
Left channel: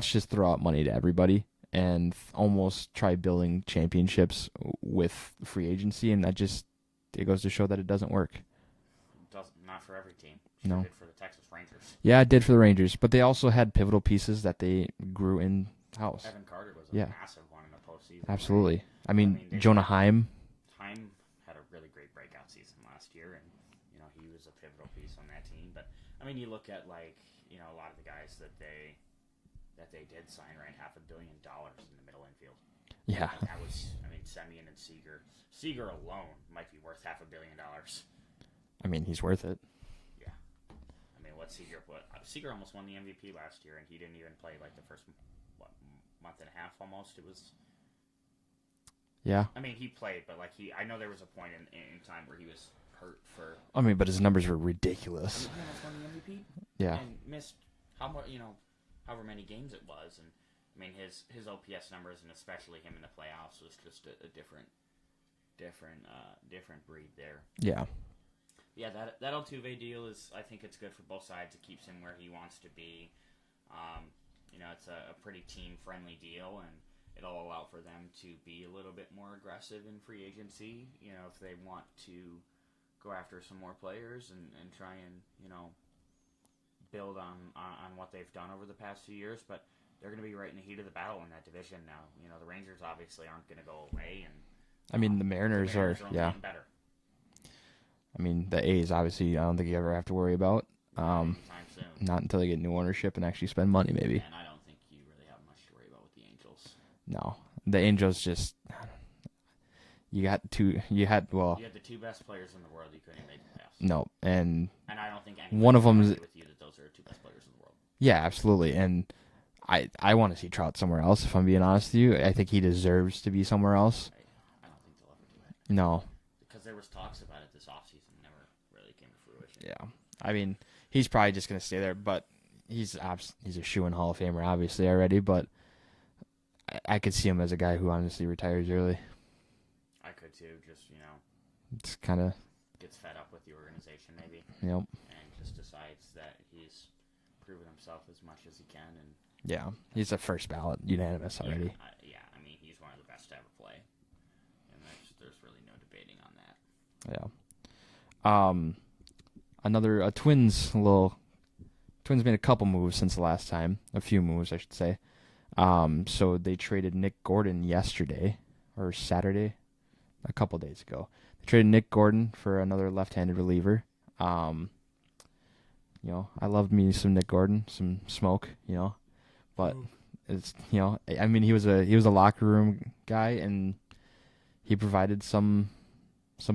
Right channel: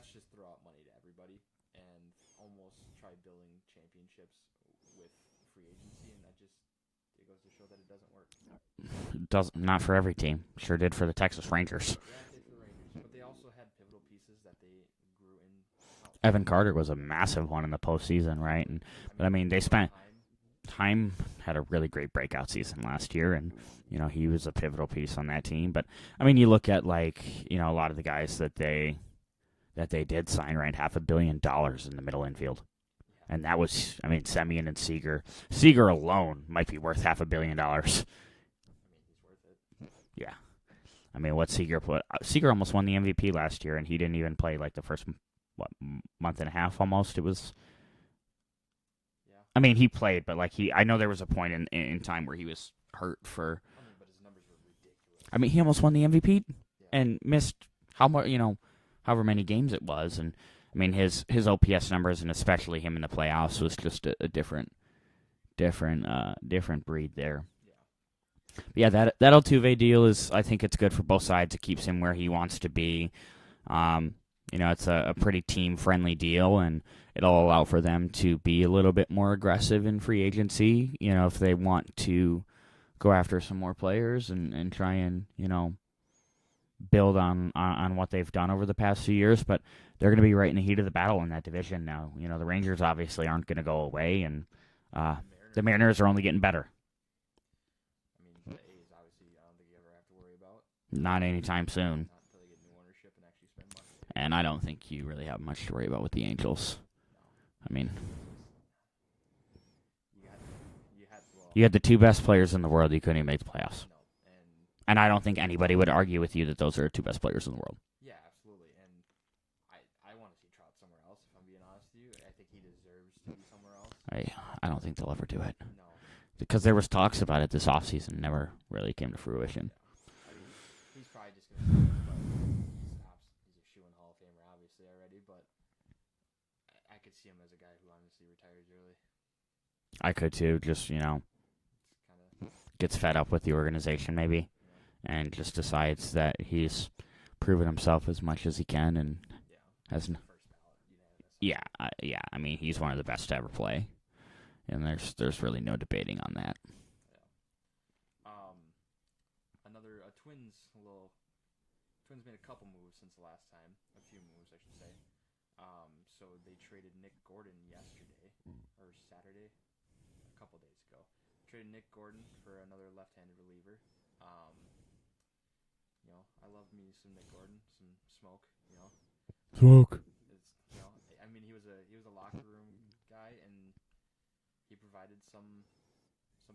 just throw out money to everybody and almost try building championships with free agency, and it goes to show that it doesn't work. Not for every team. Sure did for the Texas Rangers. Yeah, it did for the Rangers, but they also had pivotal pieces that they grew in-house. Evan Carter was a massive one in the postseason, Absolutely. Right? I mean Jonah Heim had a really great breakout season last year, and he was a pivotal piece on that team. But I mean, you look at a lot of the guys that they did sign, right? $500 million in the middle infield. Yeah. And that was, Semien and Seager. Seager alone might be worth $500 million. I mean, he's worth it. Yeah. I mean, what Seager put... Seager almost won the MVP last year, and he didn't even play, the first, month and a half almost. It was... Yeah. I mean, he played, but, I know there was a point in time where he was hurt for... I mean, but his numbers were ridiculous. I mean, he almost won the MVP. Yeah. And missed however many games it was. And, I mean, his OPS numbers, and especially him in the playoffs, was just a different breed there. Yeah. Yeah, that Altuve deal is, I think it's good for both sides. It keeps him where he wants to be. It's a pretty team-friendly deal, and it'll allow for them to be a little bit more aggressive in free agency, if they want to go after some more players and try and, build on what they've done over the past few years. But they're going to be right in the heat of the battle in that division now. The Rangers obviously aren't going to go away, and I mean, the Mariners are only getting better. I mean, the A's, obviously, I don't think you ever have to worry about. Not anytime soon. Not until they get new ownership and actually spend money, maybe. And I don't think you really have much to worry about with the Angels. No. The Angels just... You had the two best players in the world. You couldn't even make the playoffs. No. And I don't think anybody would argue with you that those are the two best players in the world. Yeah, absolutely. And I want to see Trout somewhere else, if I'm being honest with you. I think he deserves to be somewhere else. I don't think they'll ever do it. No. Because there was talks about it this offseason. Never really came to fruition. Yeah. I mean, he's probably just going to stay there, but he's a shoo-in Hall of Famer, obviously, already. But I could see him as a guy who honestly retires early. I could, too. Just, it's kind of... Gets fed up with the organization, maybe. Yep. And just decides that he's proven himself as much as he can. And yeah, he's a first ballot unanimous. Yeah, I mean, he's one of the best to ever play. And there's really no debating on that. Yeah. Twins made a couple moves since the last time. A few moves, I should say. So they traded Nick Gordon yesterday, or Saturday, a couple days ago. They traded Nick Gordon for another left-handed reliever. I loved me some Nick Gordon, some smoke, But smoke. It's I mean, he was a locker room guy, and he provided some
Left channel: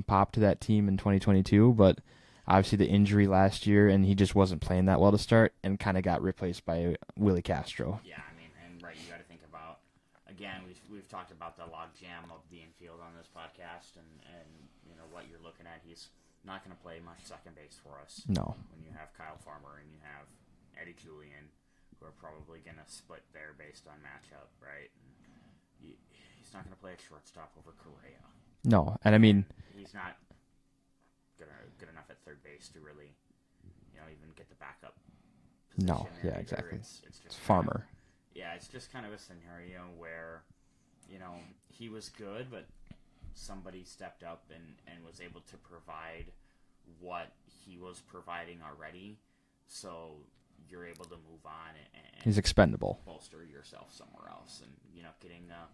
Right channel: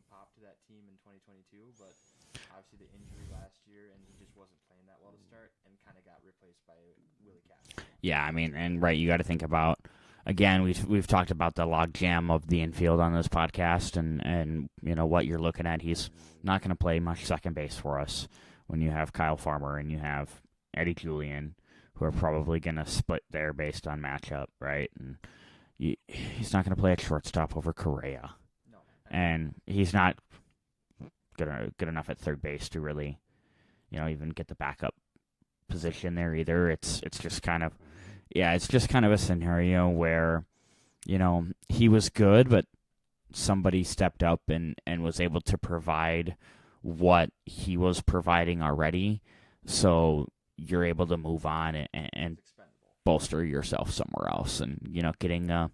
pop to that team in 2022, but obviously the injury last year, and he just wasn't playing that well to start, and kind of got replaced by Willie Castro. Yeah, I mean, and right, you got to think about, again, we've talked about the log jam of the infield on this podcast, and what you're looking at. He's not going to play much second base for us. No. When you have Kyle Farmer and you have Eddie Julian, who are probably going to split there based on matchup, right? And he's not going to play at shortstop over Correa. No, and I mean he's not good enough at third base to really, even get the backup position there either. Exactly. It's just kind of it's just kind of a scenario where, he was good, but somebody stepped up and was able to provide what he was providing already. So you're able to move on and he's expendable. Bolster yourself somewhere else. And, getting a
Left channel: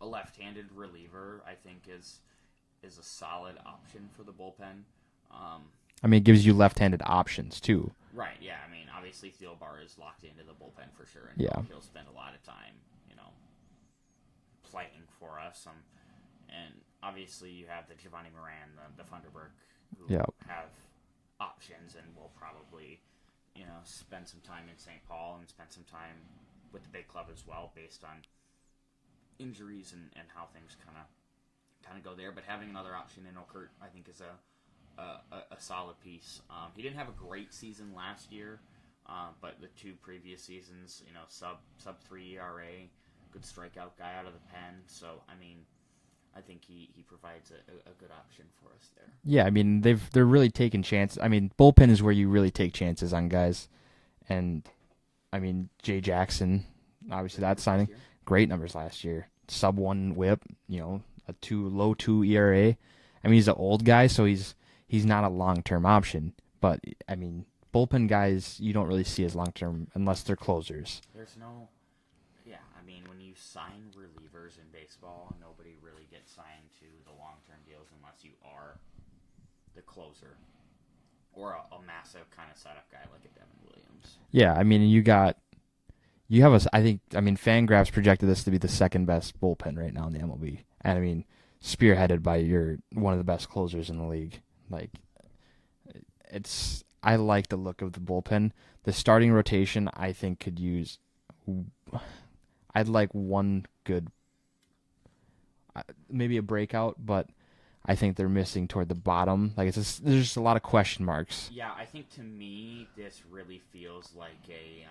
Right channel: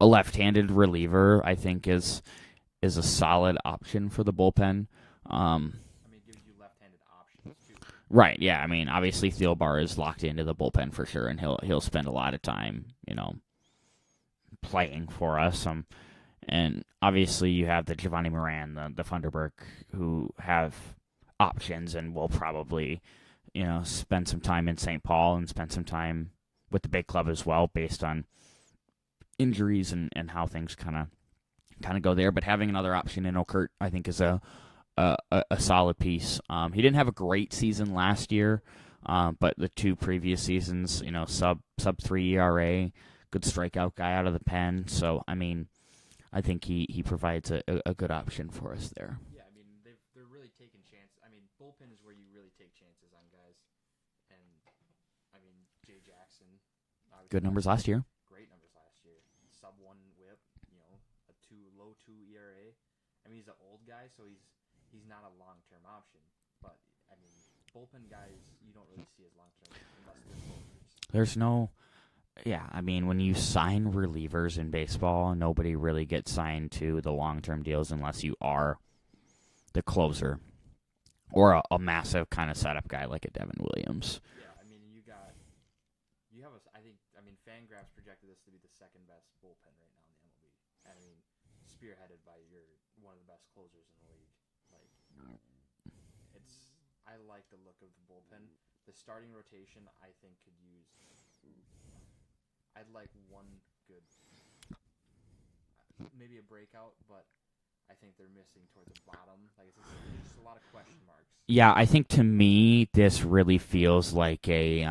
left-handed reliever, I think, is a solid option for the bullpen. It gives you left-handed options, too. Right, yeah. I mean, obviously, Thielbar is locked into the bullpen for sure, and he'll spend a lot of time, playing for us. And obviously, you have the Giovanni Moran, the Funderburk, who have options and will probably, spend some time in St. Paul and spend some time with the big club as well, based on injuries and how things kind of go there. But having another option in Okert, I think, is a solid piece. He didn't have a great season last year, but the 2 previous seasons, sub 3 ERA, good strikeout guy out of the pen. So I think he provides a good option for us there. Yeah, they're really taking chances. Bullpen is where you really take chances on guys, and Jay Jackson, obviously Good numbers last year. Great numbers last year. Sub 1 WHIP, a low 2 ERA. He's an old guy, so he's not a long-term option. But bullpen guys you don't really see as long-term unless they're closers. There's no. Yeah, when you sign relievers in baseball, nobody really gets signed to the long-term deals unless you are the closer or a massive kind of setup guy like a Devin Williams. Yeah, you have I think Fangraphs projected this to be the second best bullpen right now in the MLB, and spearheaded by one of the best closers in the league. I like the look of the bullpen. The starting rotation, I think, could use. I'd like one good, maybe a breakout, but I think they're missing toward the bottom. There's just a lot of question marks. Yeah, I think to me this really feels like a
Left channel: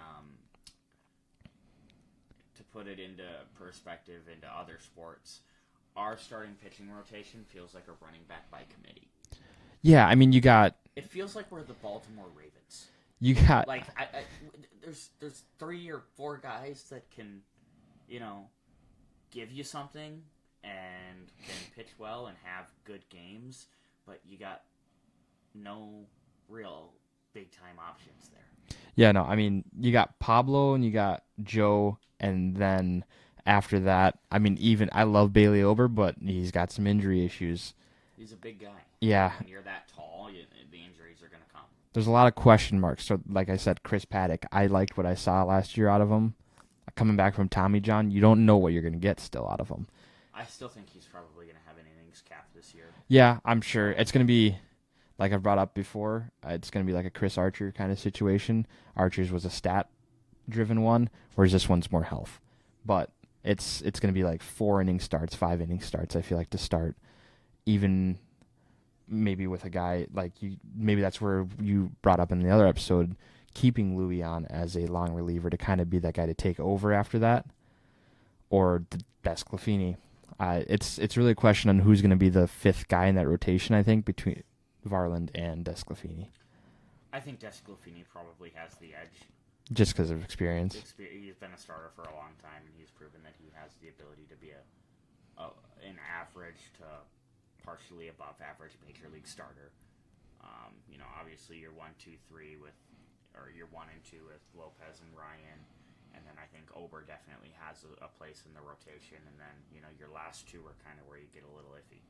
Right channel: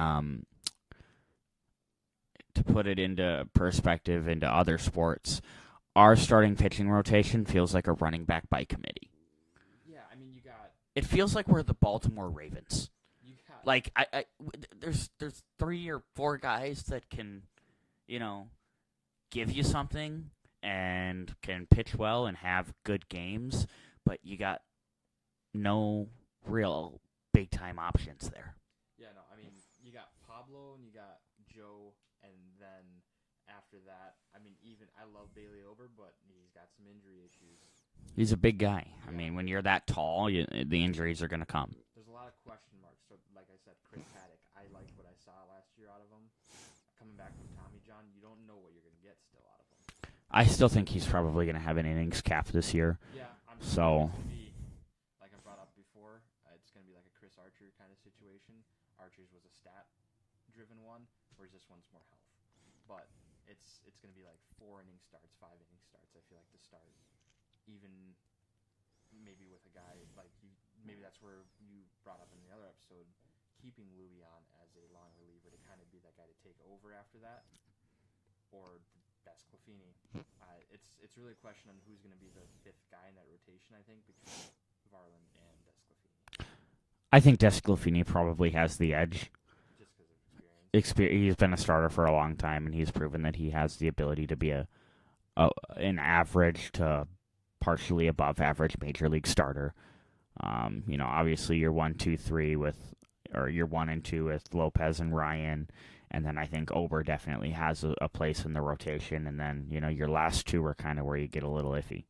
to put it into perspective into other sports, our starting pitching rotation feels like a running back by committee. Yeah, you got. It feels like we're the Baltimore Ravens. You got there's 3 or 4 guys that can, give you something and can pitch well and have good games, but you got no real big-time options there. Yeah, no, you got Pablo and you got Joe, and then after that, I love Bailey Ober, but he's got some injury issues. He's a big guy. Yeah. When you're that tall, the injuries are going to come. There's a lot of question marks. So, like I said, Chris Paddock, I liked what I saw last year out of him. Coming back from Tommy John, you don't know what you're going to get still out of him. I still think he's probably going to have an innings cap this year. Yeah, I'm sure. So, it's going to be, like I've brought up before, it's going to be like a Chris Archer kind of situation. Archer's was a stat-driven one, whereas this one's more health. But it's going to be like 4 inning starts, 5 inning starts, I feel like, to start. Even maybe with a guy like you, maybe that's where you brought up in the other episode, keeping Louis on as a long reliever to kind of be that guy to take over after that, or Desclafini. It's really a question on who's going to be the 5th guy in that rotation, I think, between Varland and Desclafini. I think Desclafini probably has the edge. Just because of experience. He's been a starter for a long time, and he's proven that he has the ability to be an average to partially above average major league starter. Obviously you're 1, 2, 3 you're 1 and 2 with Lopez and Ryan, and then I think Ober definitely has a place in the rotation, and then your last 2 are kind of where you get a little iffy.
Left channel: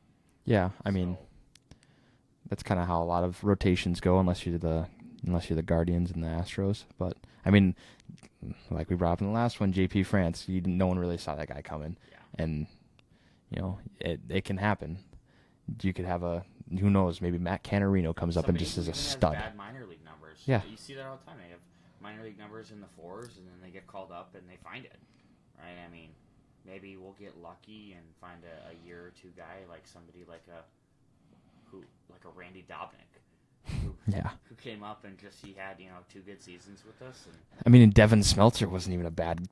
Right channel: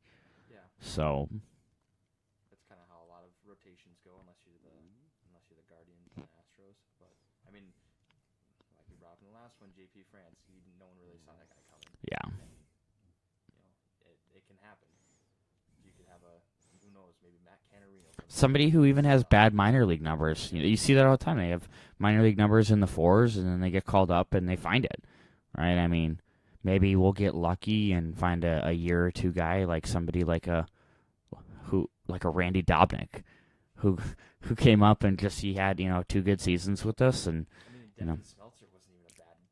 Yeah, that's kind of how a lot of rotations go, unless you're the Guardians and the Astros. But like we brought up in the last one, JP France, no one really saw that guy coming. Yeah, and it can happen. You could have who knows, maybe Matt Canarino comes up. Somebody who even has bad minor league numbers. Yeah. You see that all the time. They have minor league numbers in the 4s, and then they get called up and they find it, right? Maybe we'll get lucky and find a year or 2 guy like somebody like a Randy Dobnik, who came up and just he had 2 good seasons with us. And I mean, and Devin Smeltzer wasn't even a bad,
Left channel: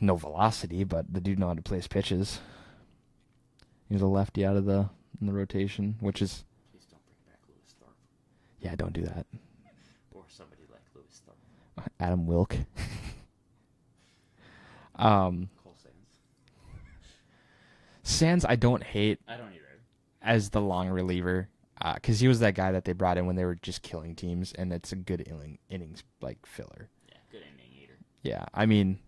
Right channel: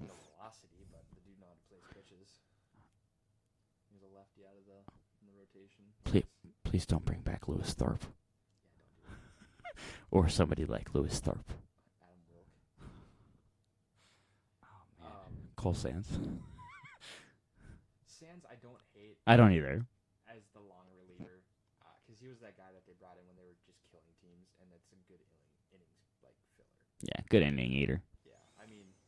no velocity, but the dude knew how to place pitches. He was a lefty out of in the rotation, which is... Please don't bring back Lewis Thorpe. Yeah, don't do that. Or somebody like Lewis Thorpe. Adam Wilk. Cole Sands. Sands, I don't hate I don't either. as the long reliever, because he was that guy that they brought in when they were just killing teams, and it's a good innings filler. Yeah, good inning eater. Yeah, I mean,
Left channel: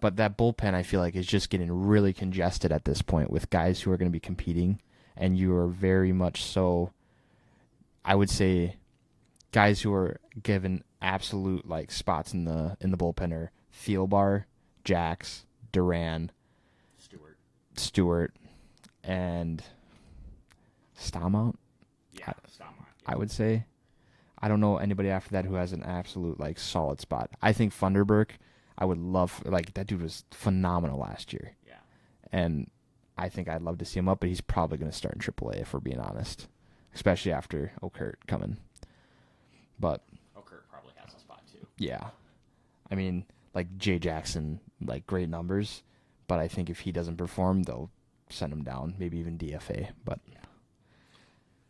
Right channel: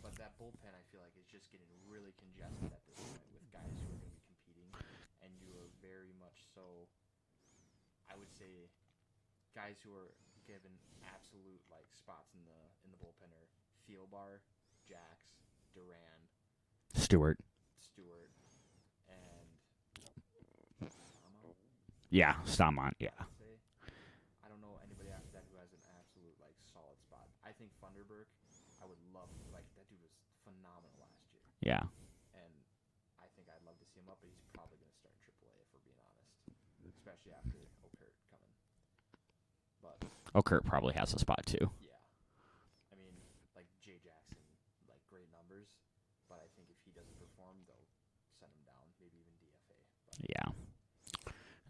but that bullpen I feel like is just getting really congested at this point with guys who are going to be competing, and you are very much so, I would say, guys who are given absolute spots in the bullpen are Thielbar, Jax, Duran, Stewart, and Stamont. Yeah, Stamont. Yeah. I would say. I don't know anybody after that who has an absolute solid spot. I think Funderburk, I would love that dude was phenomenal last year. Yeah. And I think I'd love to see him up, but he's probably going to start in AAA if we're being honest, especially after Okert coming. But Okert probably has a spot too. yeah, I mean Jay Jackson, great numbers, but I think if he doesn't perform, they'll send him down, maybe even DFA. But yeah,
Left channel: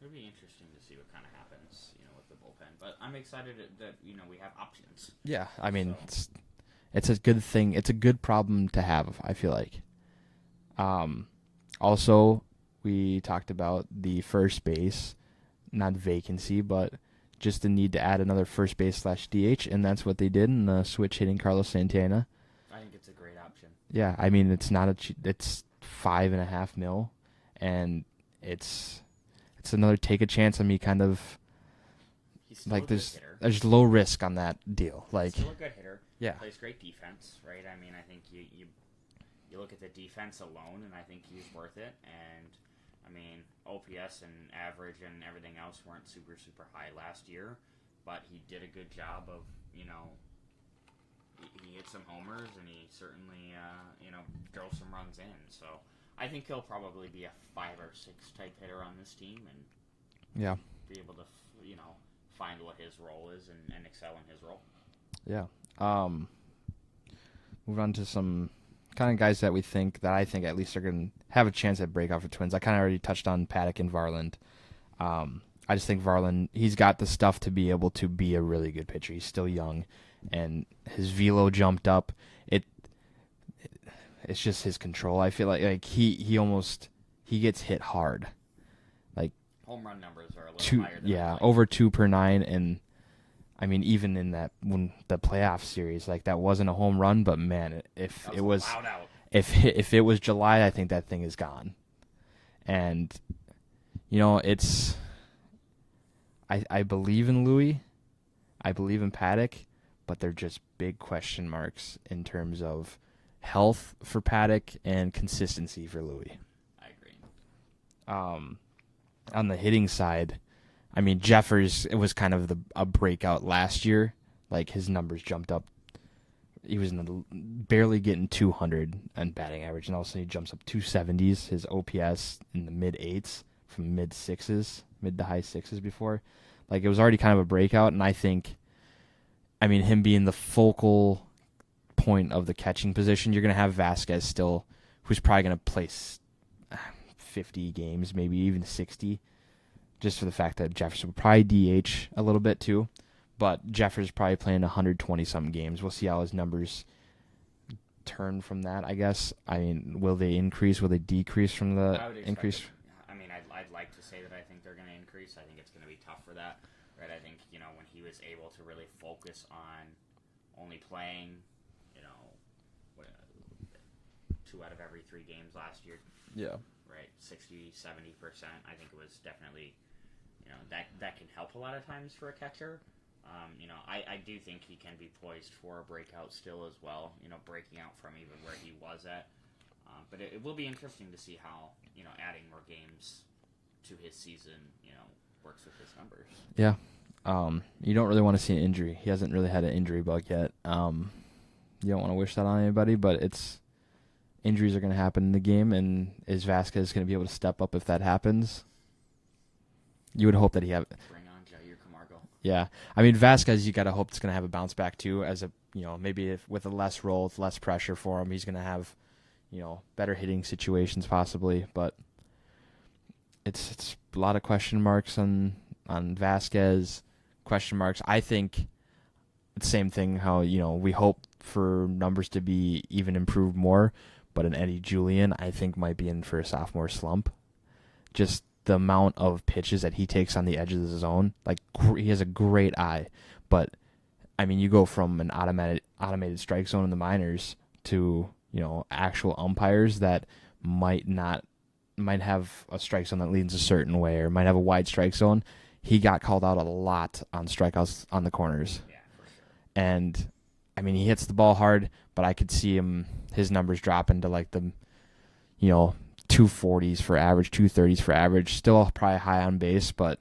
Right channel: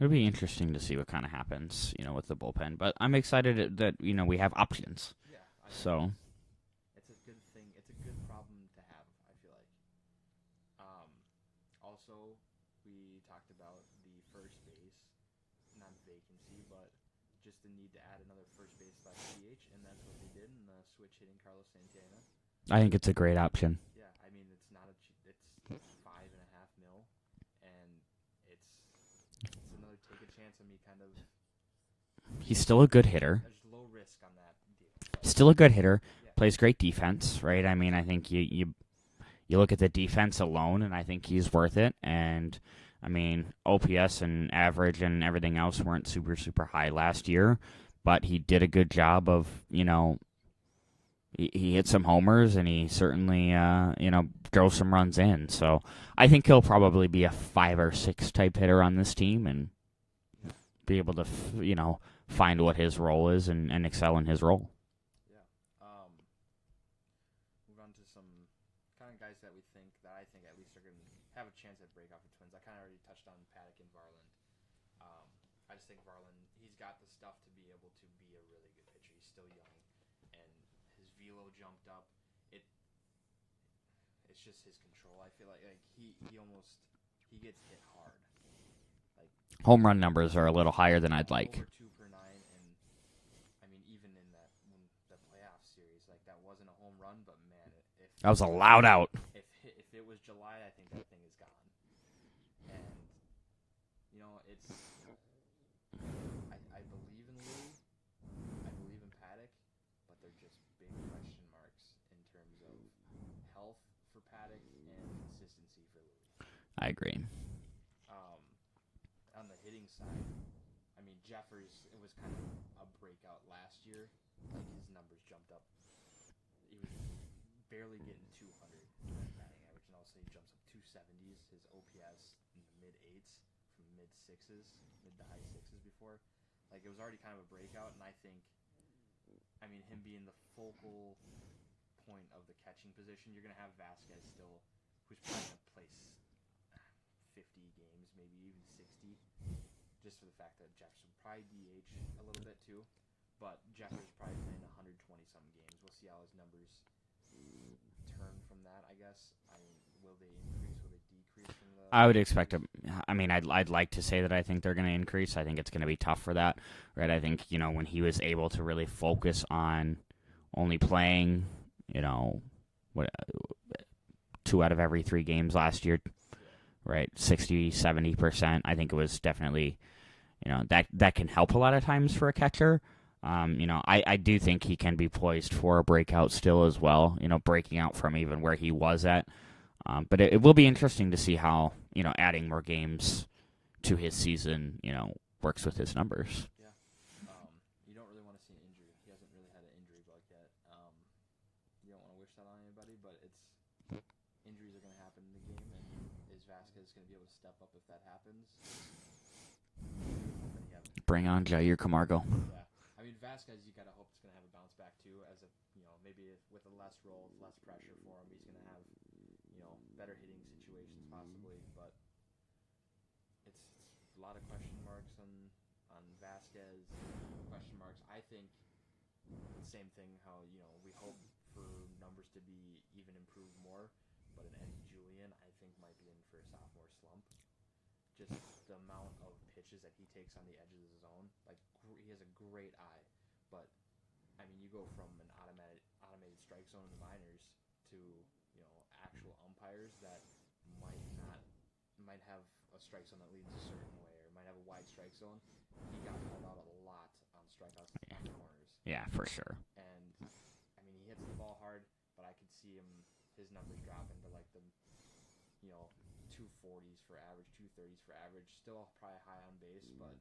it'll be interesting to see what kind of happens, with the bullpen. But I'm excited that we have options. yeah, I mean, So- it's a good thing. It's a good problem to have, I feel like. Also, we talked about the first base, not vacancy, but just the need to add another first base / DH, and that's what they did in the switch hitting Carlos Santana. I think it's a great option. Yeah, I mean, it's not it's $5.5 million, and it's another take a chance on me kind of. He's still a good hitter. There's low risk on that deal. Still a good hitter. Yeah. Plays great defense, right? I mean, I think you look at the defense alone, and I think he's worth it. And I mean, OPS and average and everything else weren't super, super high last year, but he did a good job of, he hit some homers, and he certainly, drove some runs in. So I think he'll probably be a 5 or 6 type hitter on this team, and Yeah. be able to, find what his role is and excel in his role. Yeah. Move on to some kind of guys that I think at least are going to have a chance at breakout for Twins. I kind of already touched on Paddock and Varland. I just think Varland, he's got the stuff to be able to be a really good pitcher. He's still young, and his velo jumped up. It's just his control. I feel like he gets hit hard. Home run numbers are a little higher than I'd like. Over 2 per 9, and I mean, even in when the playoff series, that wasn't a home run, but man, if That was it a was loud out. if it was July, I think that thing is gone. And it's I believe in Louis, I believe in Paddock, but they're just big question marks in terms of health for Paddock and consistency for Louis. I agree. On the hitting side, I mean, Jeffers, it was kind of a breakout last year. His numbers jumped up. He was barely getting 200 on batting average, and all of a sudden he jumps up 270s. His OPS in the mid-8s from mid to high 6s before. It was already kind of a breakout, and I think, I mean, him being the focal point of the catching position, you're going to have Vasquez still, who's probably going to place 50 games, maybe even 60, just for the fact that Jefferson would probably DH a little bit too. But Jeffers probably playing 120-something games. We'll see how his numbers turn from that, I guess. I mean, will they increase? Will they decrease from the I would expect increase? I mean, I'd like to say that I think they're going to increase. I think it's going to be tough for that, right? I think, when he was able to really focus on only playing, 2 out of every 3 games last year. Yeah. Right, 60, 70%. I think it was definitely, that can help a lot of times for a catcher. I do think he can be poised for a breakout still as well, breaking out from even where he was at. But it will be interesting to see how, adding more games to his season, works with his numbers. Yeah. You don't really want to see an injury. He hasn't really had an injury bug yet. You don't want to wish that on anybody, but injuries are going to happen in the game, and is Vasquez going to be able to step up if that happens? you would hope that he have. Bring on Jair Camargo. Yeah, I mean Vasquez, you gotta hope it's gonna have a bounce back too. As a maybe if with a less role, with less pressure for him, he's gonna have better hitting situations possibly. But it's a lot of question marks on Vasquez. Question marks. I think the same thing. How we hope for numbers to be even improved more, but an Eddie Julian I think might be in for a sophomore slump. Just the amount of pitches that he takes on the edge of the zone, like he has a great eye, but I mean you go from an automated strike zone in the minors to actual umpires that might have a strike zone that leans a certain way or might have a wide strike zone. He got called out a lot on strikeouts on the corners. Yeah, for sure. And I mean, he hits the ball hard, but I could see his numbers dropping to like the, 240s for average, 230s for average. Still probably high on base, but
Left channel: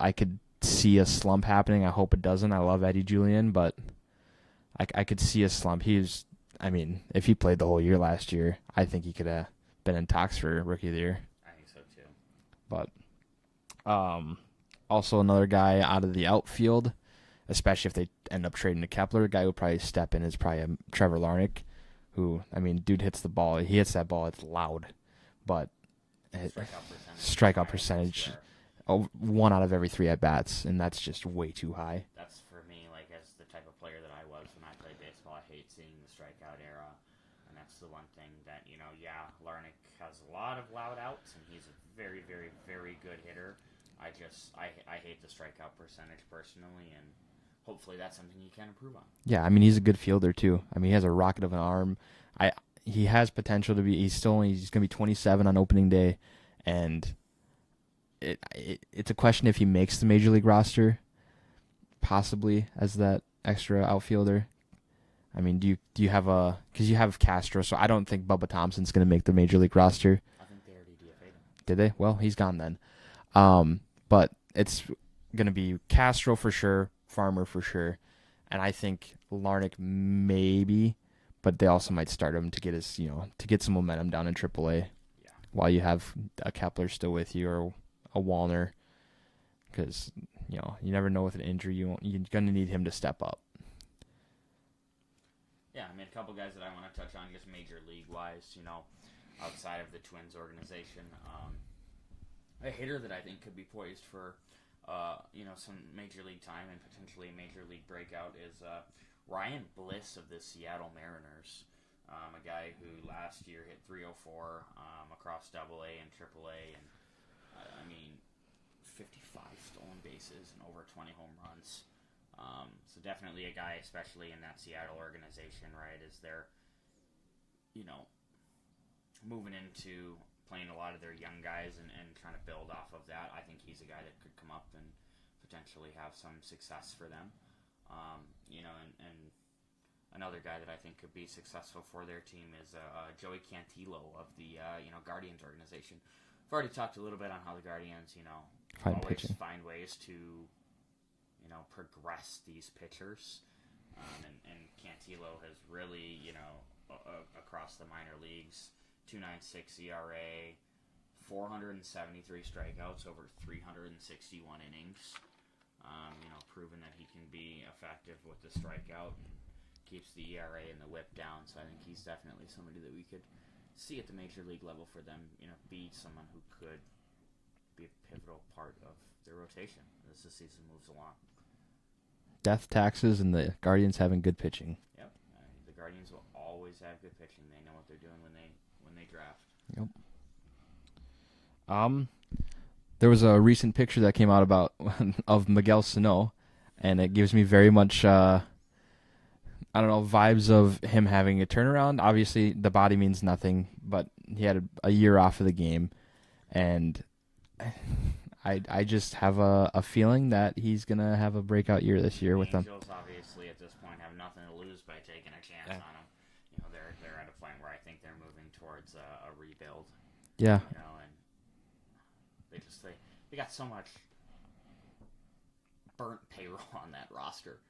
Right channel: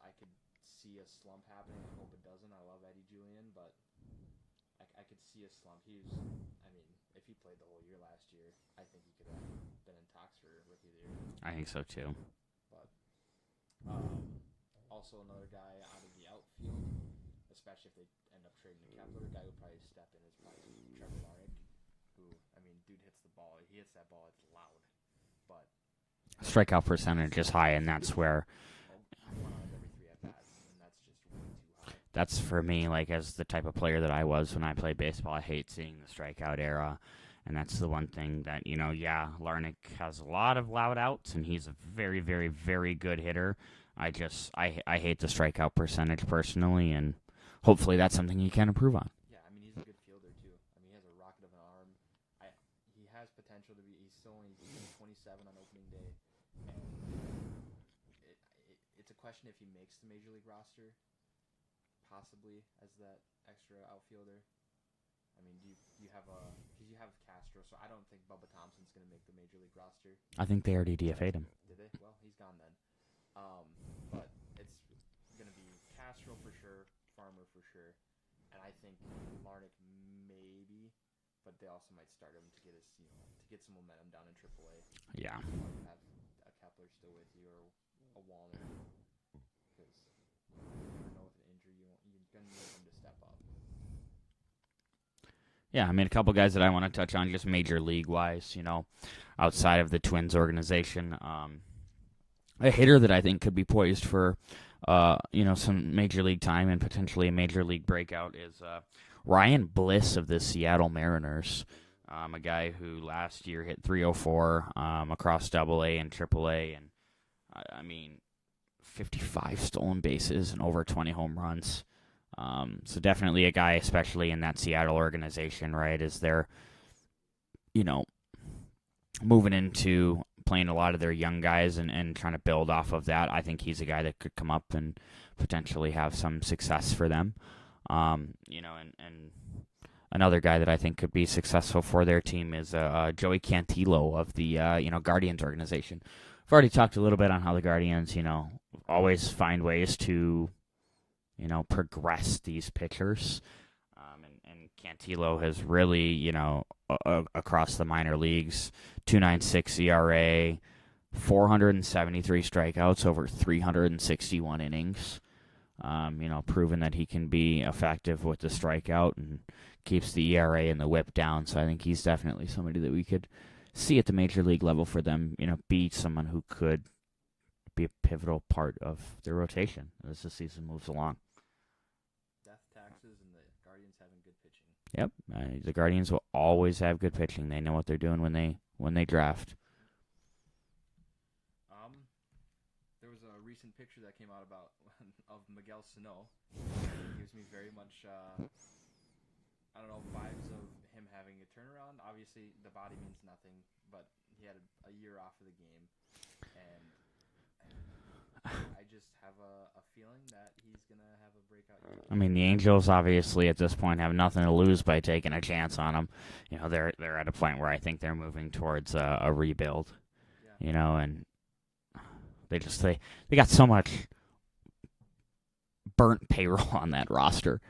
I could see a slump happening. I hope it doesn't. I love Eddie Julian, but I could see a slump. If he played the whole year last year, I think he could have been in talks for Rookie of the Year. I think so too. But also another guy out of the outfield, especially if they end up trading to Kepler, a guy who will probably step in is probably Trevor Larnach, who, dude hits the ball. He hits that ball. It's loud. But strikeout percentage is high, and that's where 1 out of every 3 at-bats, and that's just way too high. That's for me, like, as the type of player that I was when I played baseball, I hate seeing the strikeout era, and that's the one thing that, Larnach has a lot of loud outs, and he's a very, very, very good hitter. I hate the strikeout percentage personally, and hopefully that's something he can improve on. Yeah, he's a good fielder, too. He has a rocket of an arm. He has potential to be. He's going to be 27 on opening day, and it's a question if he makes the major league roster, possibly as that extra outfielder. Do you have because you have Castro, so I don't think Bubba Thompson's going to make the major league roster. I think they already DFA'd him. Did they? Well, he's gone then. But it's going to be Castro for sure, Farmer for sure, and I think Larnach maybe. But they also might start him to get to get some momentum down in AAA. Yeah. While you have a Kepler still with you or a Wallner, because you never know with an injury you're gonna need him to step up. Yeah, a couple guys that I want to touch on just major league wise, outside of the Twins organization. A hitter that I think could be poised for, some major league time and potentially a major league breakout is Ryan Bliss of the Seattle Mariners, a guy who last year hit 304 across AA and AAA, and 55 stolen bases and over 20 home runs. So definitely a guy, especially in that Seattle organization, right, as they're, moving into playing a lot of their young guys and trying to build off of that. I think he's a guy that could come up and potentially have some success for them. And another guy that I think could be successful for their team is Joey Cantillo of the Guardians organization. I've already talked a little bit on how the Guardians, always find ways to, progress these pitchers. And Cantillo has really, across the minor leagues, 2.96 ERA, 473 strikeouts over 361 innings. Proven that he can be effective with the strikeout and keeps the ERA and the WHIP down. So I think he's definitely somebody that we could see at the major league level for them, be someone who could be a pivotal part of their rotation as the season moves along. Death taxes and the Guardians having good pitching. Yep, the Guardians will always have good pitching. They know what they're doing when they draft. Yep. There was a recent picture that came out of Miguel Sano, and it gives me very much vibes of him having a turnaround. Obviously, the body means nothing, but he had a year off of the game, and I just have a feeling that he's gonna have a breakout year this year. The Angels obviously at this point have nothing to lose by taking a chance on him. They're at a point where I think they're moving towards a rebuild. Yeah. And they got so much burnt payroll on that roster.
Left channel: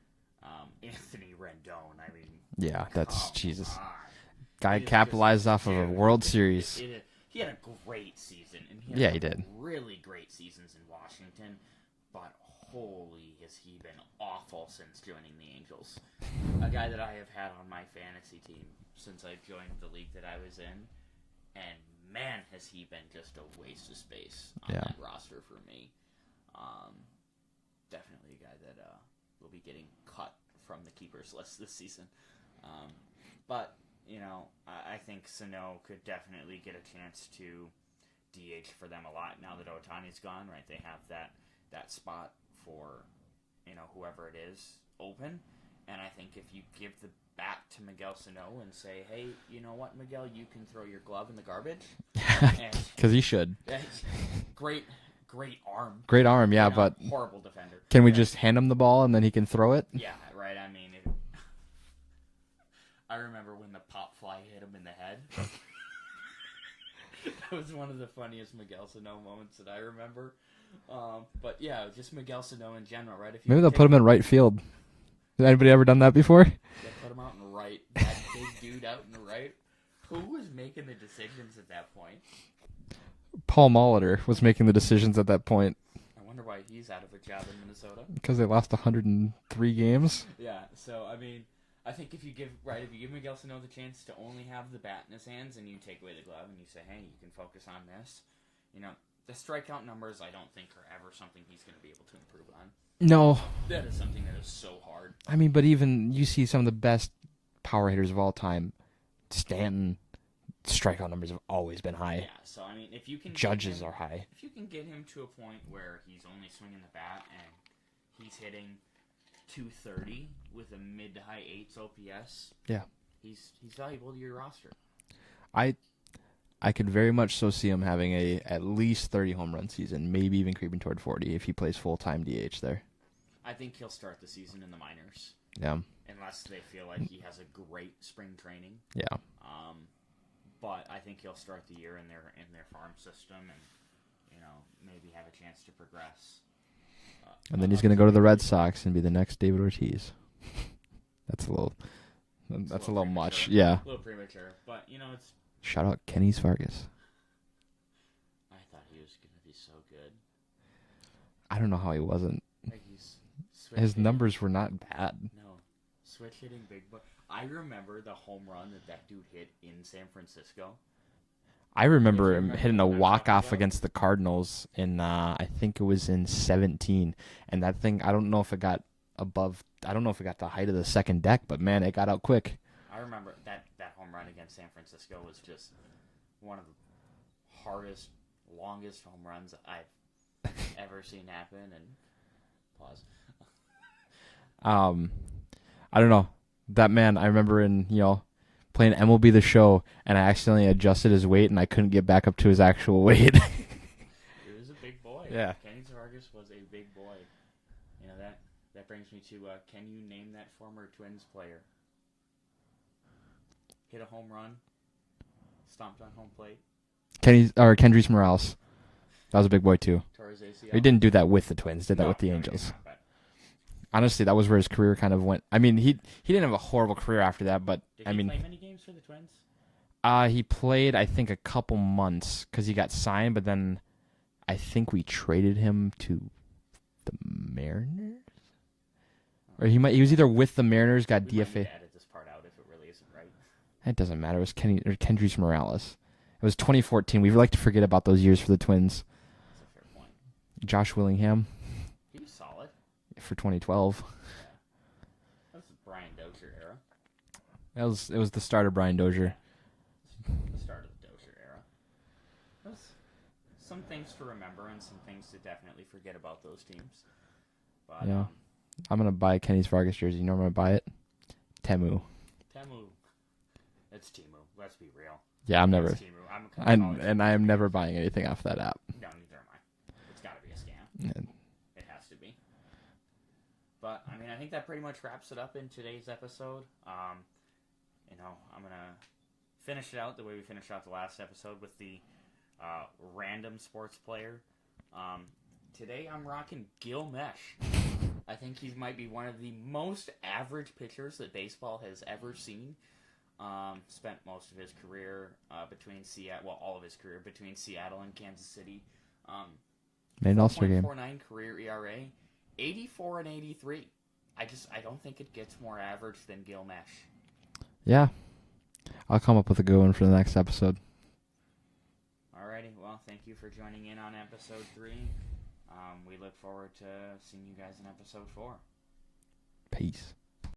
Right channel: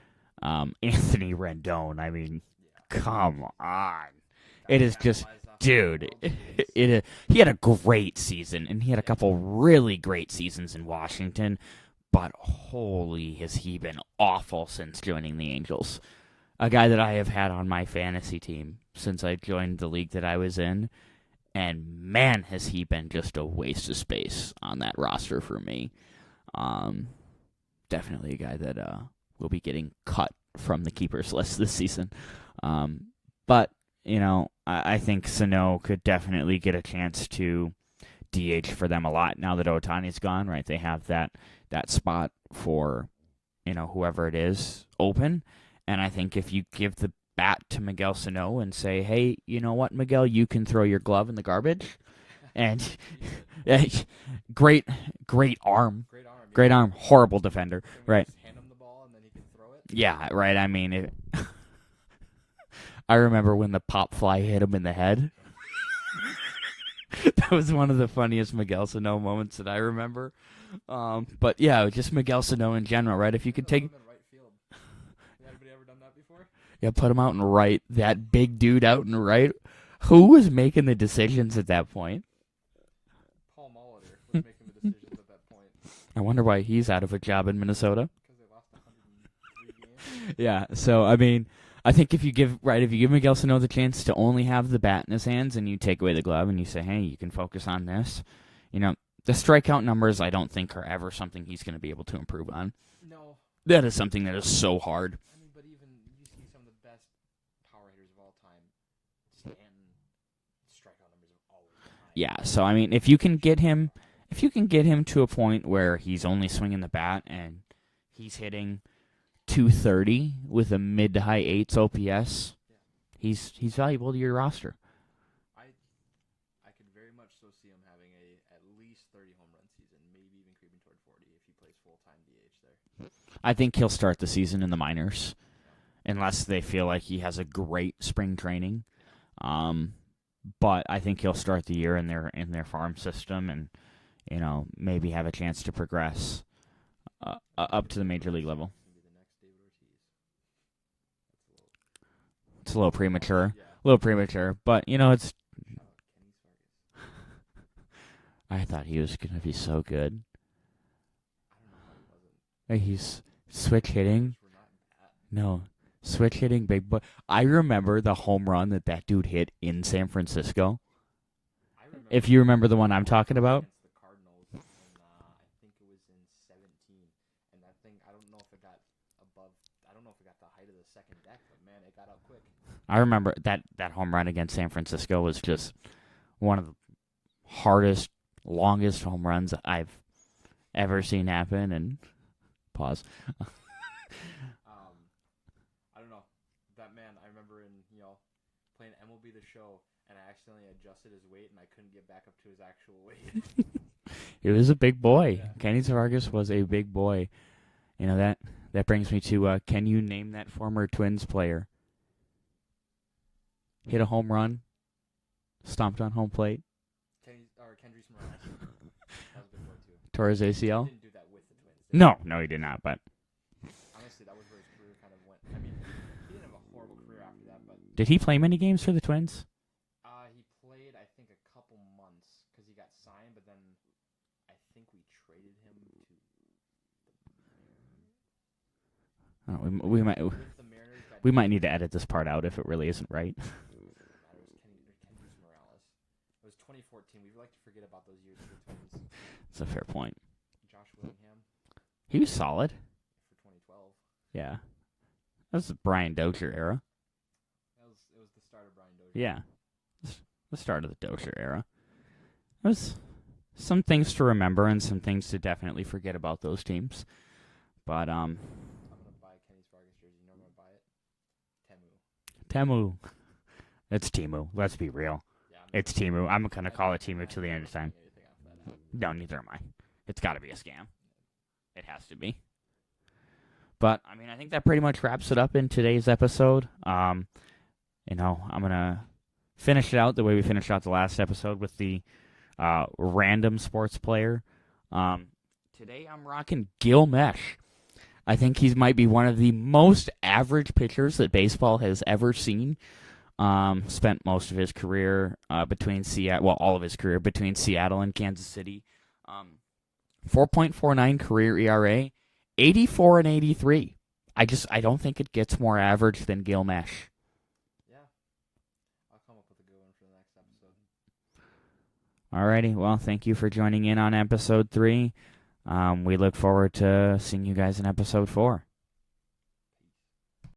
Anthony Rendon, yeah, come Jesus. on. Guy It is capitalized off of dude, a World Series. He had a great season, and he had a Yeah, he couple did. really great seasons in Washington. But holy, has he been awful since joining the Angels. A guy that I have had on my fantasy team since I joined the league that I was in. And man, has he been just a waste of space on that roster for me. Definitely a guy that will be getting cut from the keepers list this season. But, I think Sano could definitely get a chance to DH for them a lot now that Ohtani's gone, right? They have that spot for, whoever it is open. And I think if you give the bat to Miguel Sano and say, hey, you know what, Miguel, you can throw your glove in the garbage. And because he should. Great arm. Great arm, Great arm. but Horrible defender. can we right. just hand him the ball and then he can throw it? Yeah, right. I mean, I remember when the pop fly hit him in the head. That was one of the funniest Miguel Sano moments that I remember. But yeah, just Miguel Sano in general, right? If you Maybe they'll put him in right field. Has anybody ever done that before? Yeah, put him out in right. That big dude out in right. Who was making the decisions at that point? Paul Molitor was making the decisions at that point. I wonder why he's out of a job in Minnesota. Because they lost 103 games. Yeah, so I mean, I think if you give Miguel Sano the chance to only have the bat in his hands and you take away the glove and you say, hey, you can focus on this, the strikeout numbers I don't think are ever something he's going to be able to improve on. No. That is something that is so hard. I mean, but even you see some of the best power hitters of all time, Stanton, strikeout numbers have always been high. Yeah, so I mean, if you can get Judges him, are high. if you can get him to a point where he's only swinging the bat and he's hitting 230 with a mid to high eights OPS, yeah, he's valuable to your roster. I could very much so see him having a at least 30 home run season, maybe even creeping toward 40 if he plays full-time DH there. I think he'll start the season in the minors. Yeah. Unless they feel like he has a great spring training. Yeah. But I think he'll start the year in their farm system and, maybe have a chance to progress. And then he's going to go to the Red Sox and be the next David Ortiz. That's a little premature. Much. Yeah. A little premature. But, it's... Shout out Kenny Vargas. I thought he was going to be so good. I don't know how he wasn't. He's switch His hitting. numbers were not bad. No. Switch hitting big boy. I remember the home run that dude hit in San Francisco. I remember. If you remember the hitting one a I'm talking walk-off about against the Cardinals in I think it was in 2017, and that thing I don't know if it got the height of the second deck, but man, it got out quick. I remember that home run against San Francisco was just one of the hardest, longest home runs I've ever seen happen. And pause. I don't know. That man, I remember playing MLB The Show, and I accidentally adjusted his weight, and I couldn't get back up to his actual weight. He was a big boy. Yeah. Kenny Vargas was a big boy. That brings me to, can you name that former Twins player? Hit a home run, stomped on home plate. Kendrys Morales. That was a big boy, too. Tore his ACL. He didn't do that with the Twins, did he? No, With the he Angels? did not, but... Honestly, that was where his career kind of went. I mean, he didn't have a horrible career after that, but... Did he play many games for the Twins? He played, I think, a couple months because he got signed, but then I think we traded him to the Mariners? Or he was either with the Mariners, got We DFA. might need to edit this part out if it really isn't right. It doesn't matter. It was Kendrys Morales. It was 2014. We like to forget about those years for the Twins. That's a fair point. Josh Willingham He was solid. for 2012. Yeah. That was the Brian Dozier era. It was the start of Brian Dozier. Yeah. The start of the Dozier era. There's some things to remember and some things to definitely forget about those teams. But, I'm going to buy Kenny's Vargas jersey. You know where I'm going to buy it? Temu. It's Temu. Let's be real. Yeah, I'm never. It's Temu. I'm going to call it Temu. And I am to never 100%. buying anything off that app. No, neither am I. It's got to be a scam. Yeah. It has to be. But, I mean, I think that pretty much wraps it up in today's episode. I'm going to finish it out the way we finished out the last episode with the random sports player. Today I'm rocking Gil Mesh. I think he might be one of the most average pitchers that baseball has ever seen. Spent most of his career between Seattle, well, all of his career between Seattle and Kansas City. Made an All-Star game. 4.49 career ERA, 84 and 83. I don't think it gets more average than Gil Mesh. Yeah. I'll come up with a good one for the next episode. Alrighty, well, thank you for joining in on episode 3. We look forward to seeing you guys in episode 4. Peace.